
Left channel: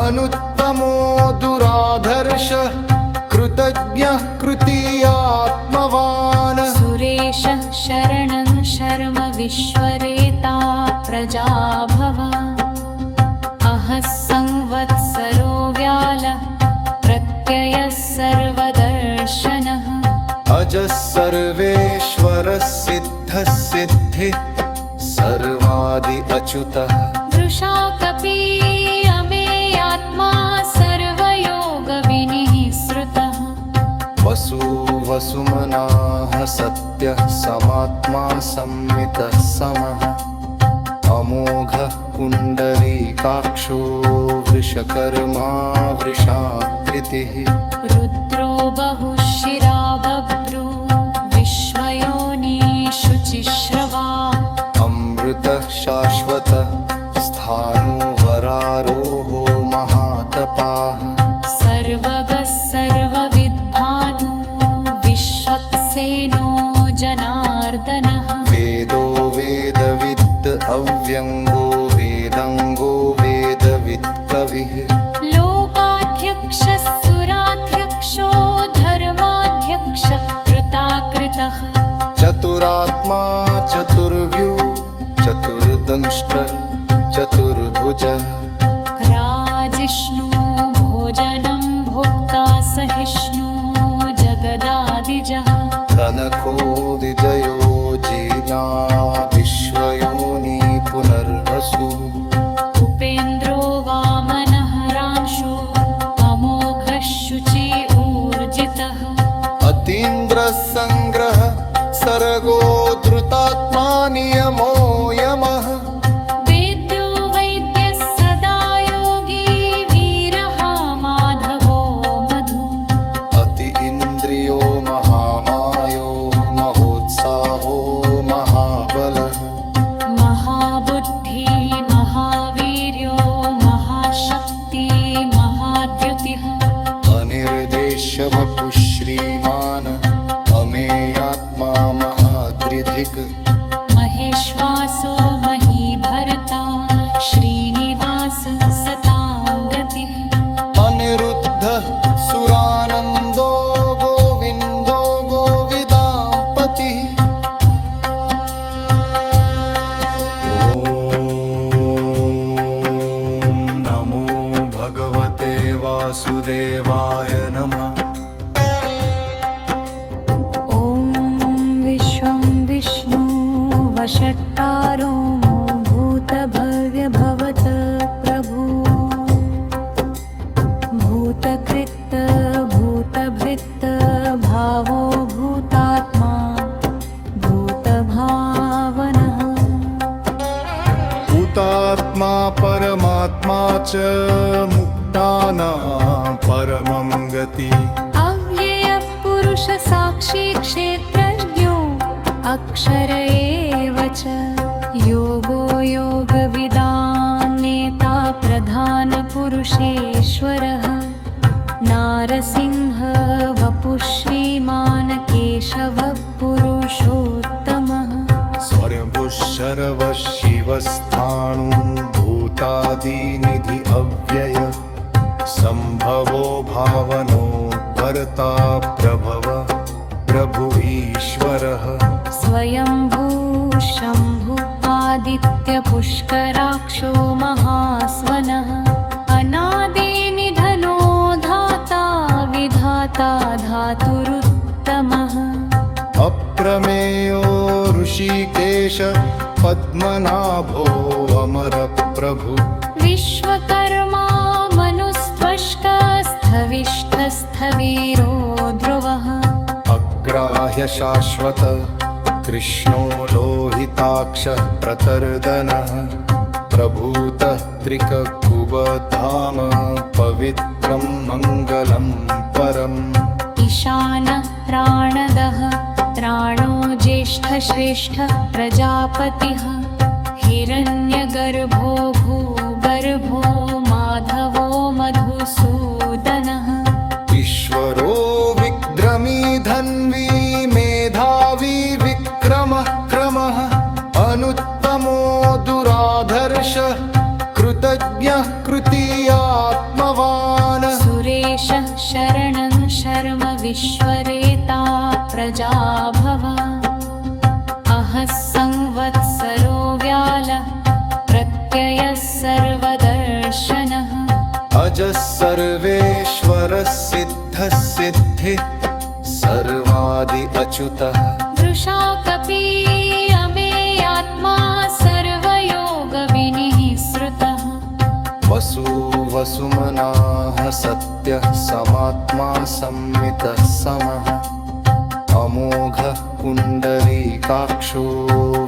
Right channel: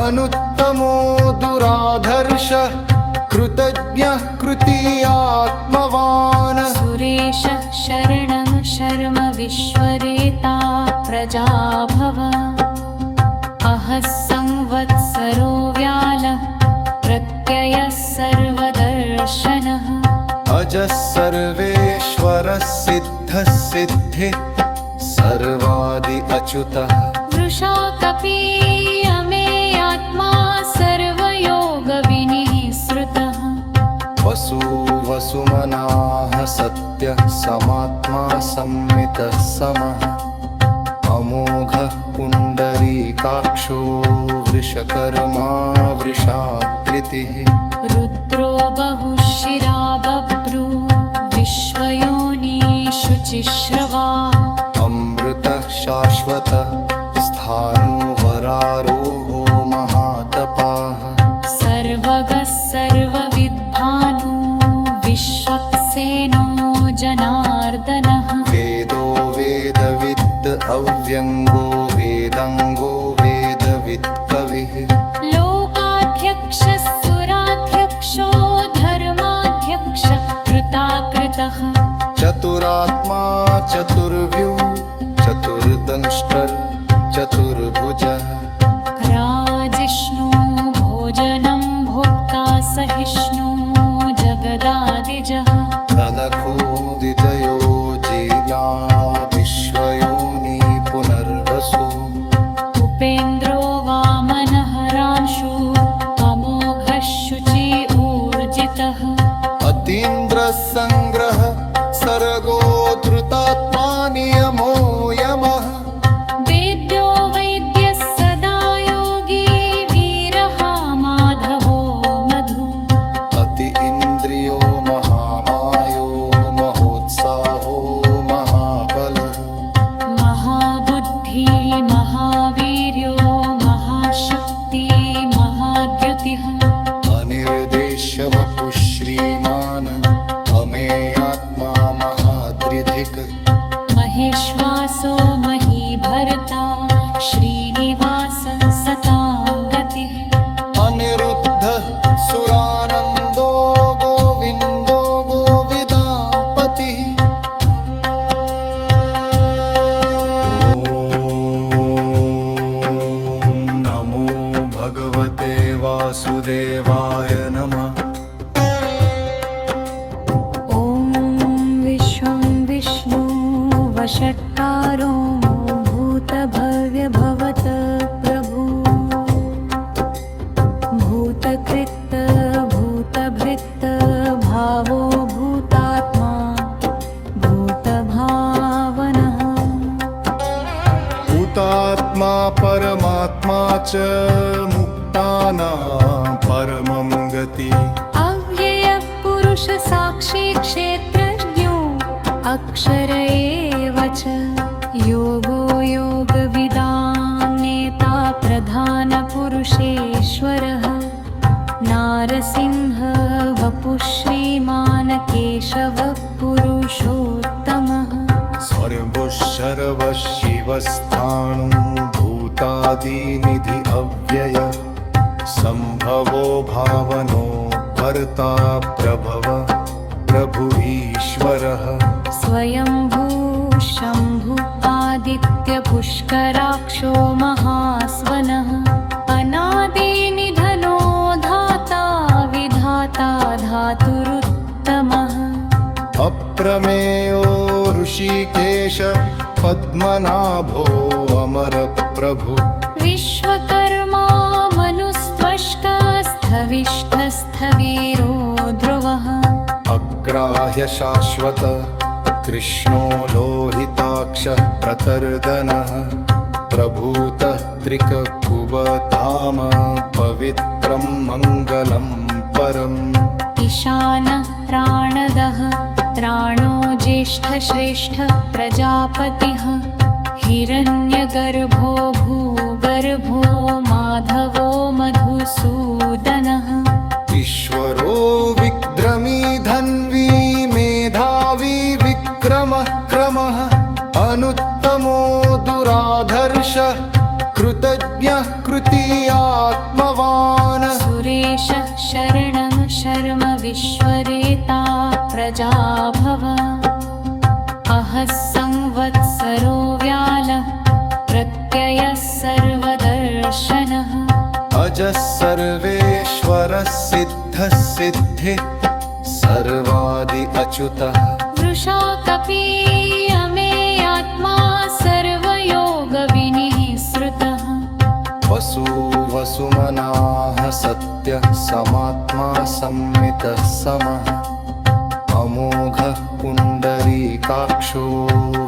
अनुत्तमो दुराधर्षः कृतज्ञः कृतीयात्मवान् सुरेशः शरणं शर्म विश्वरेता प्रजाभव अहः संवत्सरो व्यालः प्रत्ययः सर्वदर्शनः अजः सर्वेश्वरः सिद्धः सिद्धिः सर्वादि अच्युतः वृषाकपि अमेयात्मा सर्वयोगविनिःसृतः वसु वसुमनाः सत्यः समात्मा संमितः समः अमोघः पुण्डरीकाक्षो वृषकर्मा वृषाकृतिः रुद्रो बहुशिरा बभ्रू विश्वयोनिषु चिश्रवा अमृतः शाश्वतः स्थाणुवरारोहो महातपाः सर्वगः सर्वविद्भानु विश्वक्सेनो जनार्दनः वेदो वेदविद् अव्यङ्गो वेदङ्गो वेदवित् कविः लोकाध्यक्षः सुराध्यक्षो धर्माध्यक्षः कृताकृतः चतुरात्मा चतुर्व्यू चतुर्दंष्ट्रः चतुर्भुजः राजिष्णु भोजनं भोक्ता सहिष्णु जगदादिजः तनखो विजयो जीर्णा विश्वयोनि पुनर्वसु उपेन्द्रो वामनः रांशु अमोघः शुचि ऊर्जितः अतीन्द्रः सङ्ग्रह सर्गो धृतात्मा नियमो यमः वेद्यो वैद्यः सदा योगी वीरः माधवो मधु अति इन्द्रियो महामायो महोत्साहो महाबलः महाबुद्धि महावीर्यो महाशक्ति महाद्युतिः अनिर्देश्य वपुः श्रीमान् अमेयात्मा महादृधिक् महेश्वासो महीभर्ता श्रीनिवास सतां गतिः अनिरुद्धः सुरानन्दो गोविन्दो गोविदापतिः ॐ नमो भगवते वासुदेवाय नमः ॐ विश्वं विष्णु वषट्कारो भूतभव्यभवत प्रभु भूतकृत् भूतभृत् भावो भूतात्मा भूतभावनः भूतात्मा परमात्मा च मुक्तानां परमं गति अव्ययः पुरुष साक्षी क्षेत्रज्ञो अक्षर एव च योगो योगविदां नेता प्रधान पुरुषेश्वरः नारसिंह वपुः श्रीमान् केशवः पुरुषोत्तमः स्वयंभुः शर्वः शिवस्थाणुभूतादिनिधि अव्यय संभवो भावनो भर्ता प्रभव प्रभु ईश्वरः स्वयंभू शम्भु आदित्यपुष्कराक्षो महास्वनः अनादिनिधनो धाता विधाता धातुरुत्तमः अप्रमेयो ऋषिकेश पद्मनाभो अमर प्रभु विश्वकर्मा मनुस्त्वष्टस्थविष्ठस्थवीरो ध्रुवः अग्राह्य शाश्वत कृष्णो लोहिताक्ष प्रतर्दनः प्रभूतः त्रिककुबधाम पवित्रं मङ्गलं परम् ईशानः प्राणदः प्राणो ज्येष्ठश्रेष्ठ प्रजापतिः हिरण्यगर्भो भूगर्भो माधवो मधुसूदनः ईश्वरो विक्रमी धन्वी मेधावी विक्रमः क्रमः अनुत्तमो दुराधर्ष कृतज्ञः कृतीयात्मवान् सुरेशः शरणं शर्म विश्वरेता प्रजाभव अहः संवत्सरो व्यालः प्रत्ययः सर्वदर्शनः अजः सर्वेश्वरः सिद्धः सिद्धिः सर्वादि अच्युतः वृषा कपीयमेयात्मा सर्वयोगविनिः श्रुतः वसु वसुमनाः सत्यः समात्मा संमितः समः अमोघः पुण्डरीकाक्षो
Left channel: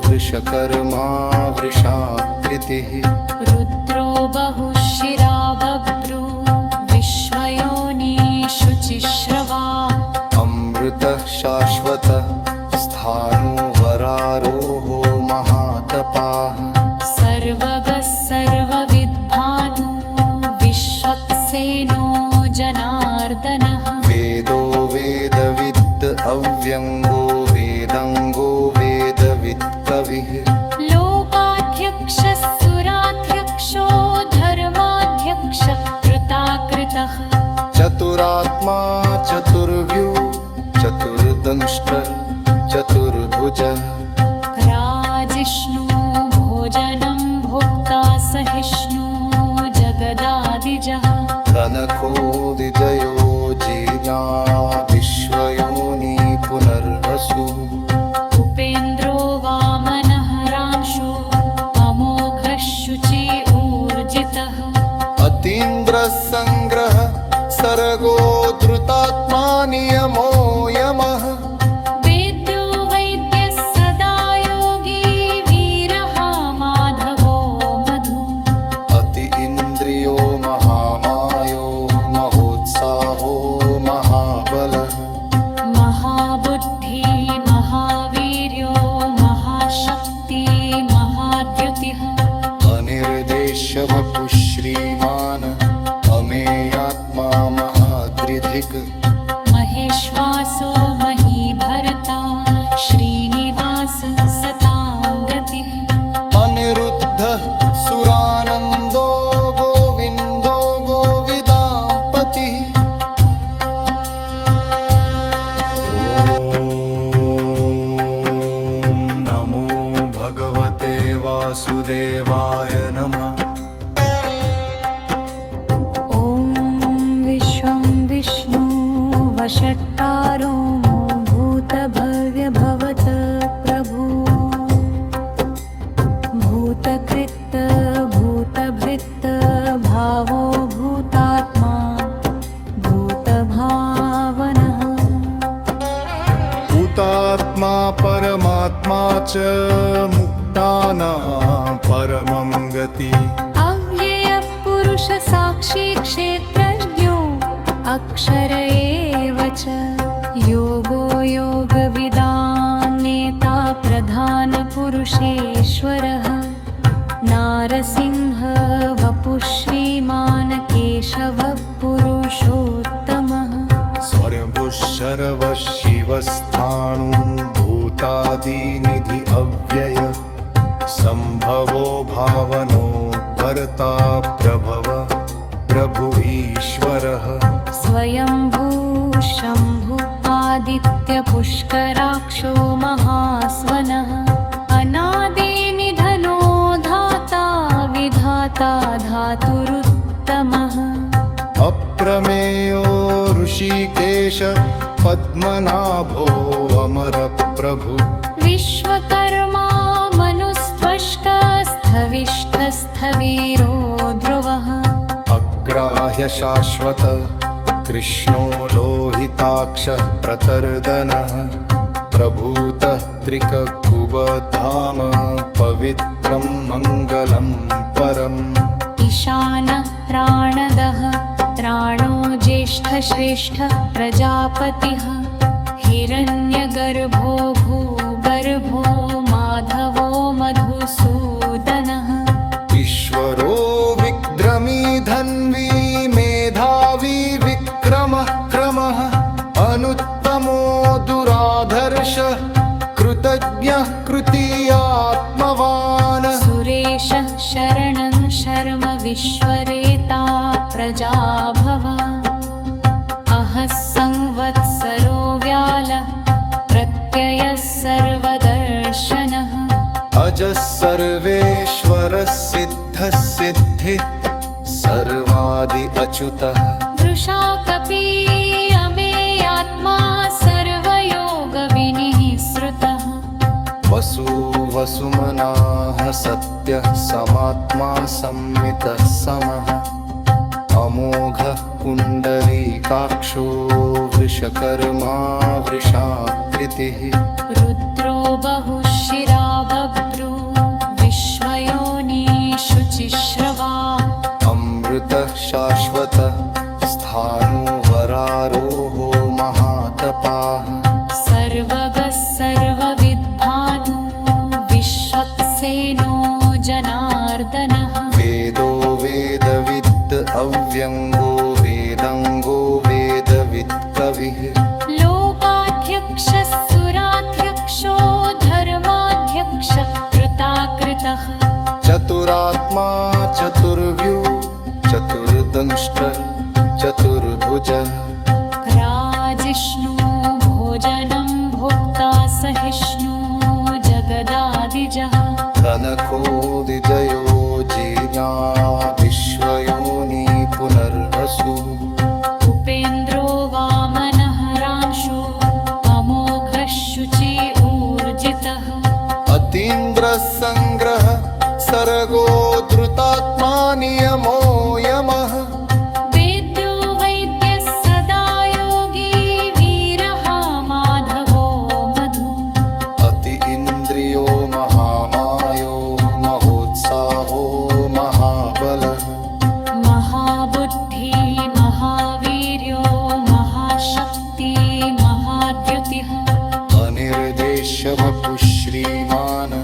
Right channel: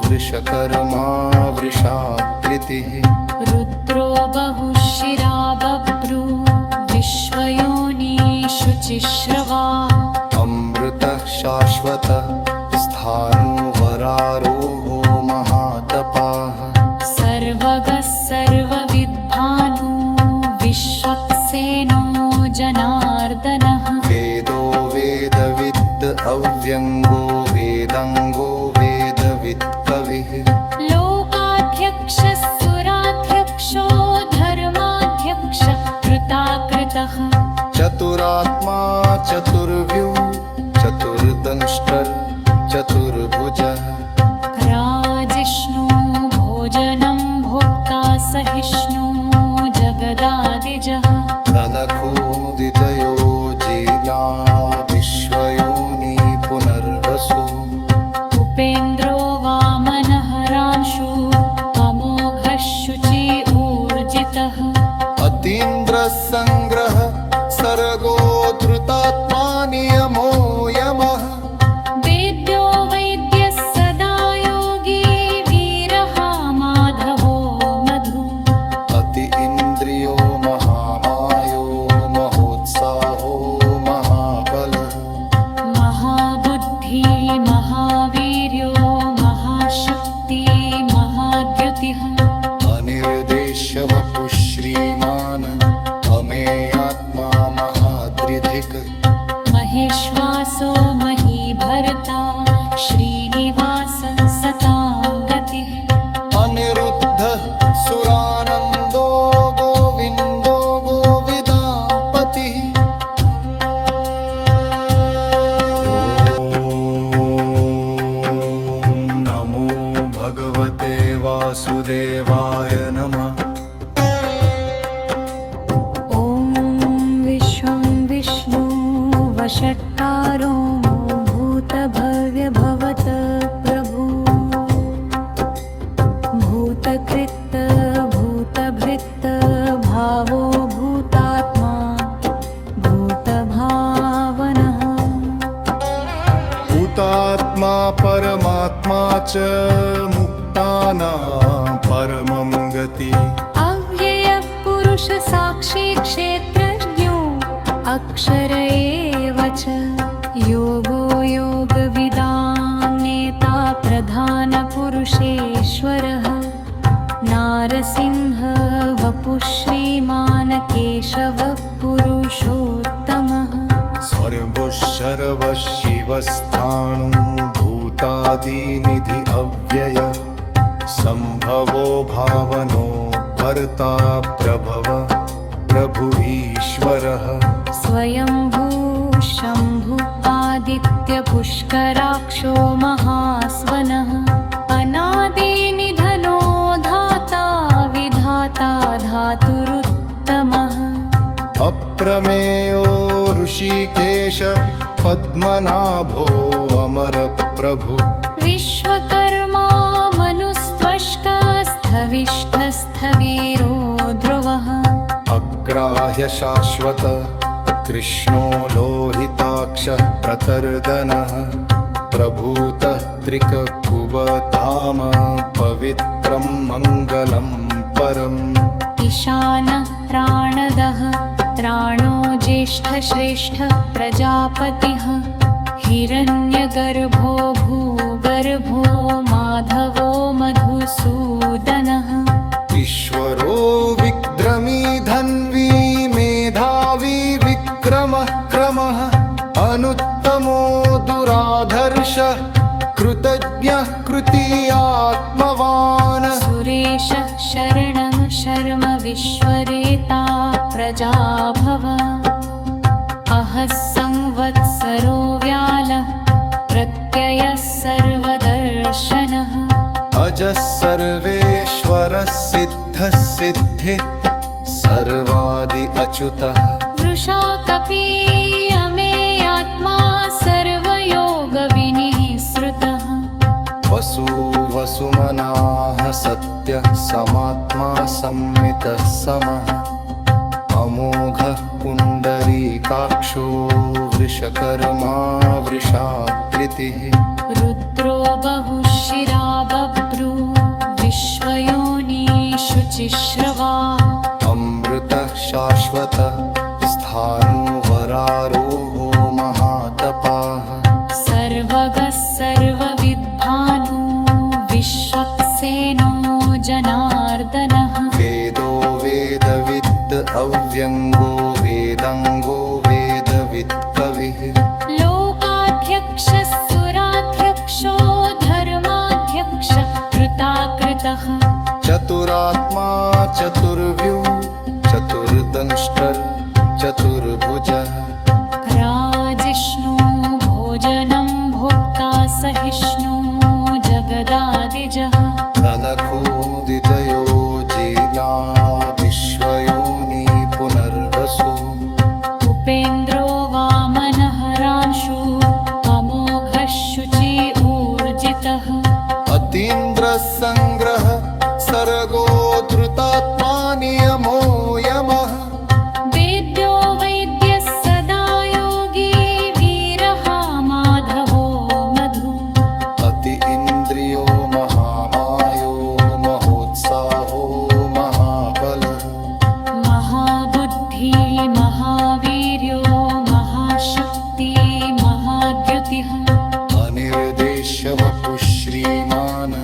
वृषकर्मा वृषाकृतिः रुद्रो बहुशिरा बभ्रू विश्वयोनिषु चिश्रवा अमृतः शाश्वतः स्थाणुवरारोहो महातपाः सर्वगः सर्वविद्भानु विश्वक्सेनो जनार्दनः वेदो वेदविद् अव्यङ्गो वेदङ्गो वेदवित् कविः लोकाध्यक्षः सुराध्यक्षो धर्माध्यक्षः कृताकृतः चतुरात्मा चतुर्व्यू चतुर्दंष्ट्रः चतुर्भुजः राजिष्णु भोजनं भोक्ता सहिष्णु जगदादिजः कनको विजयो जीर्या विश्वयोनि पुनर्वसु उपेन्द्रो वामनः रांशु अमोघः शुचि ऊर्जितः अतीन्द्रः सङ्ग्रह सर्गो धृतात्मा नियमो यमः वेद्यो वैद्यः सदा योगी वीरः माधवो मधु अति इन्द्रियो महामायो महोत्साहो महाबलः महाबुद्धि महावीर्यो महाशक्ति महाद्युतिः अनिर्देश्य वपुः श्रीमान् अमेयात्मा महादृधिक् महेश्वासो महीभर्ता श्रीनिवास सताङ्गतिः अनिरुद्धः सुरानन्दो गोविन्दो गोविदापतिः नमो भगवते वासुदेवाय नमः ॐ विश्वं विष्णु वषट्कारो भूतभव्यभवत प्रभु भूतकृत भूतभृत भावो भूतात्मा भूतभावनः भूतात्मा परमात्मा च मुक्तानां परमं गति अव्ययः पुरुष साक्षी क्षेत्रज्ञो अक्षर एव च योगो योगविदां नेता प्रधान पुरुषेश्वरः नारसिंह वपुः श्रीमान् केशवः पुरुषोत्तमः शर्वशिवस्थाणुभूतादिनिधि अव्यय संभवो भावनो भर्ता प्रभव प्रभु ईश्वरः स्वयंभू शम्भु आदित्य पुष्कराक्षो महास्वनः अनादिनिधनो धाता विधाता धातुरुत्तमः अप्रमेयो ऋषिकेश पद्मनाभो अमर प्रभु विश्वकर्मा मनुस्त्वष्कस्थविष्ठस्थवीरो ध्रुवः अग्राह्य शाश्वत कृष्णो लोहिताक्षः प्रतर्दनः प्रभूतः त्रिककुबधाम पवित्रं मङ्गलं परम् ईशानः प्राणदः प्राणो ज्येष्ठश्रेष्ठ प्रजापतिः हिरण्यगर्भो भूगर्भो माधवो मधुसूदनः ईश्वरो विक्रमी धन्वी मेधावी विक्रमः क्रमः अनुत्तमो दुराधर्षः कृतज्ञः कृतीयात्मवान् सुरेशः शरणं शर्म विश्वरेता प्रजाभव अहः संवत्सरो व्यालः प्रत्ययः सर्वदर्शनः अजः सर्वेश्वरः सिद्धः सिद्धिः सर्वादि अच्युतः वृषा कपीयमेयात्मा सर्वयोगविनिः श्रुतः वसु वसुमनाः सत्यः समात्मा संमितः समः अमोघः पुण्डरीकाक्षो वृषकर्मा वृषाकृतिः रुद्रो बहुशिरा बभ्रू विश्वयोनिषु चिश्रवा अमृतः शाश्वतः स्थाणुवरारोहो महातपाः सर्वगः सर्वविद्भानु विश्वक्सेनो जनार्दनः वेदो वेदविद् अव्यङ्गो वेदङ्गो वेदवित् कविः लोकाध्यक्षः सुराध्यक्षो धर्माध्यक्षः कृताकृतः चतुरात्मा चतुर्व्यू चतुर्दंष्ट्रः चतुर्भुजः राजिष्णु भोजनं भोक्ता सहिष्णु जगदादिजः कनको विजयो जीर्या विश्वयोनि पुनर्वसु उपेन्द्रो वामनः रांशु अमोघः शुचि ऊर्जितः अतीन्द्रः सङ्ग्रह सर्गो धृतात्मा नियमो यमः वेद्यो वैद्यः सदा योगी वीरः माधवो मधु अति इन्द्रियो महामायो महोत्साहो महाबलः महाबुद्धि महावीर्यो महाशक्ति महाद्युतिः अनिर्देश्य वपुः श्रीमान्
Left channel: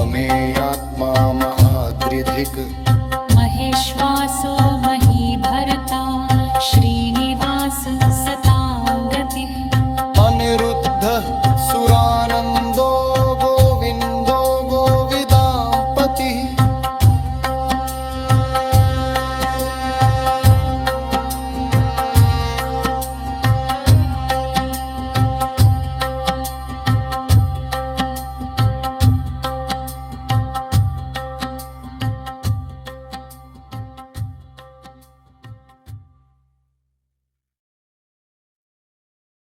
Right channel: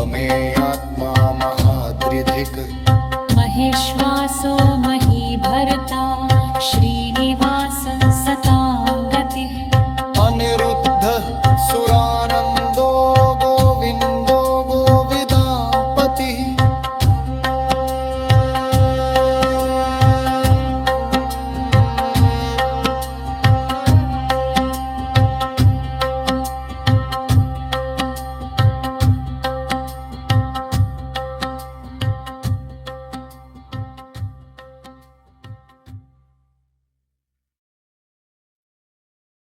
अमेयात्मा महादृधिक् महेश्वासो महीभर्ता श्रीनिवास सताङ्गतिः अनिरुद्धः सुरानन्दो गोविन्दो गोविदां पतिः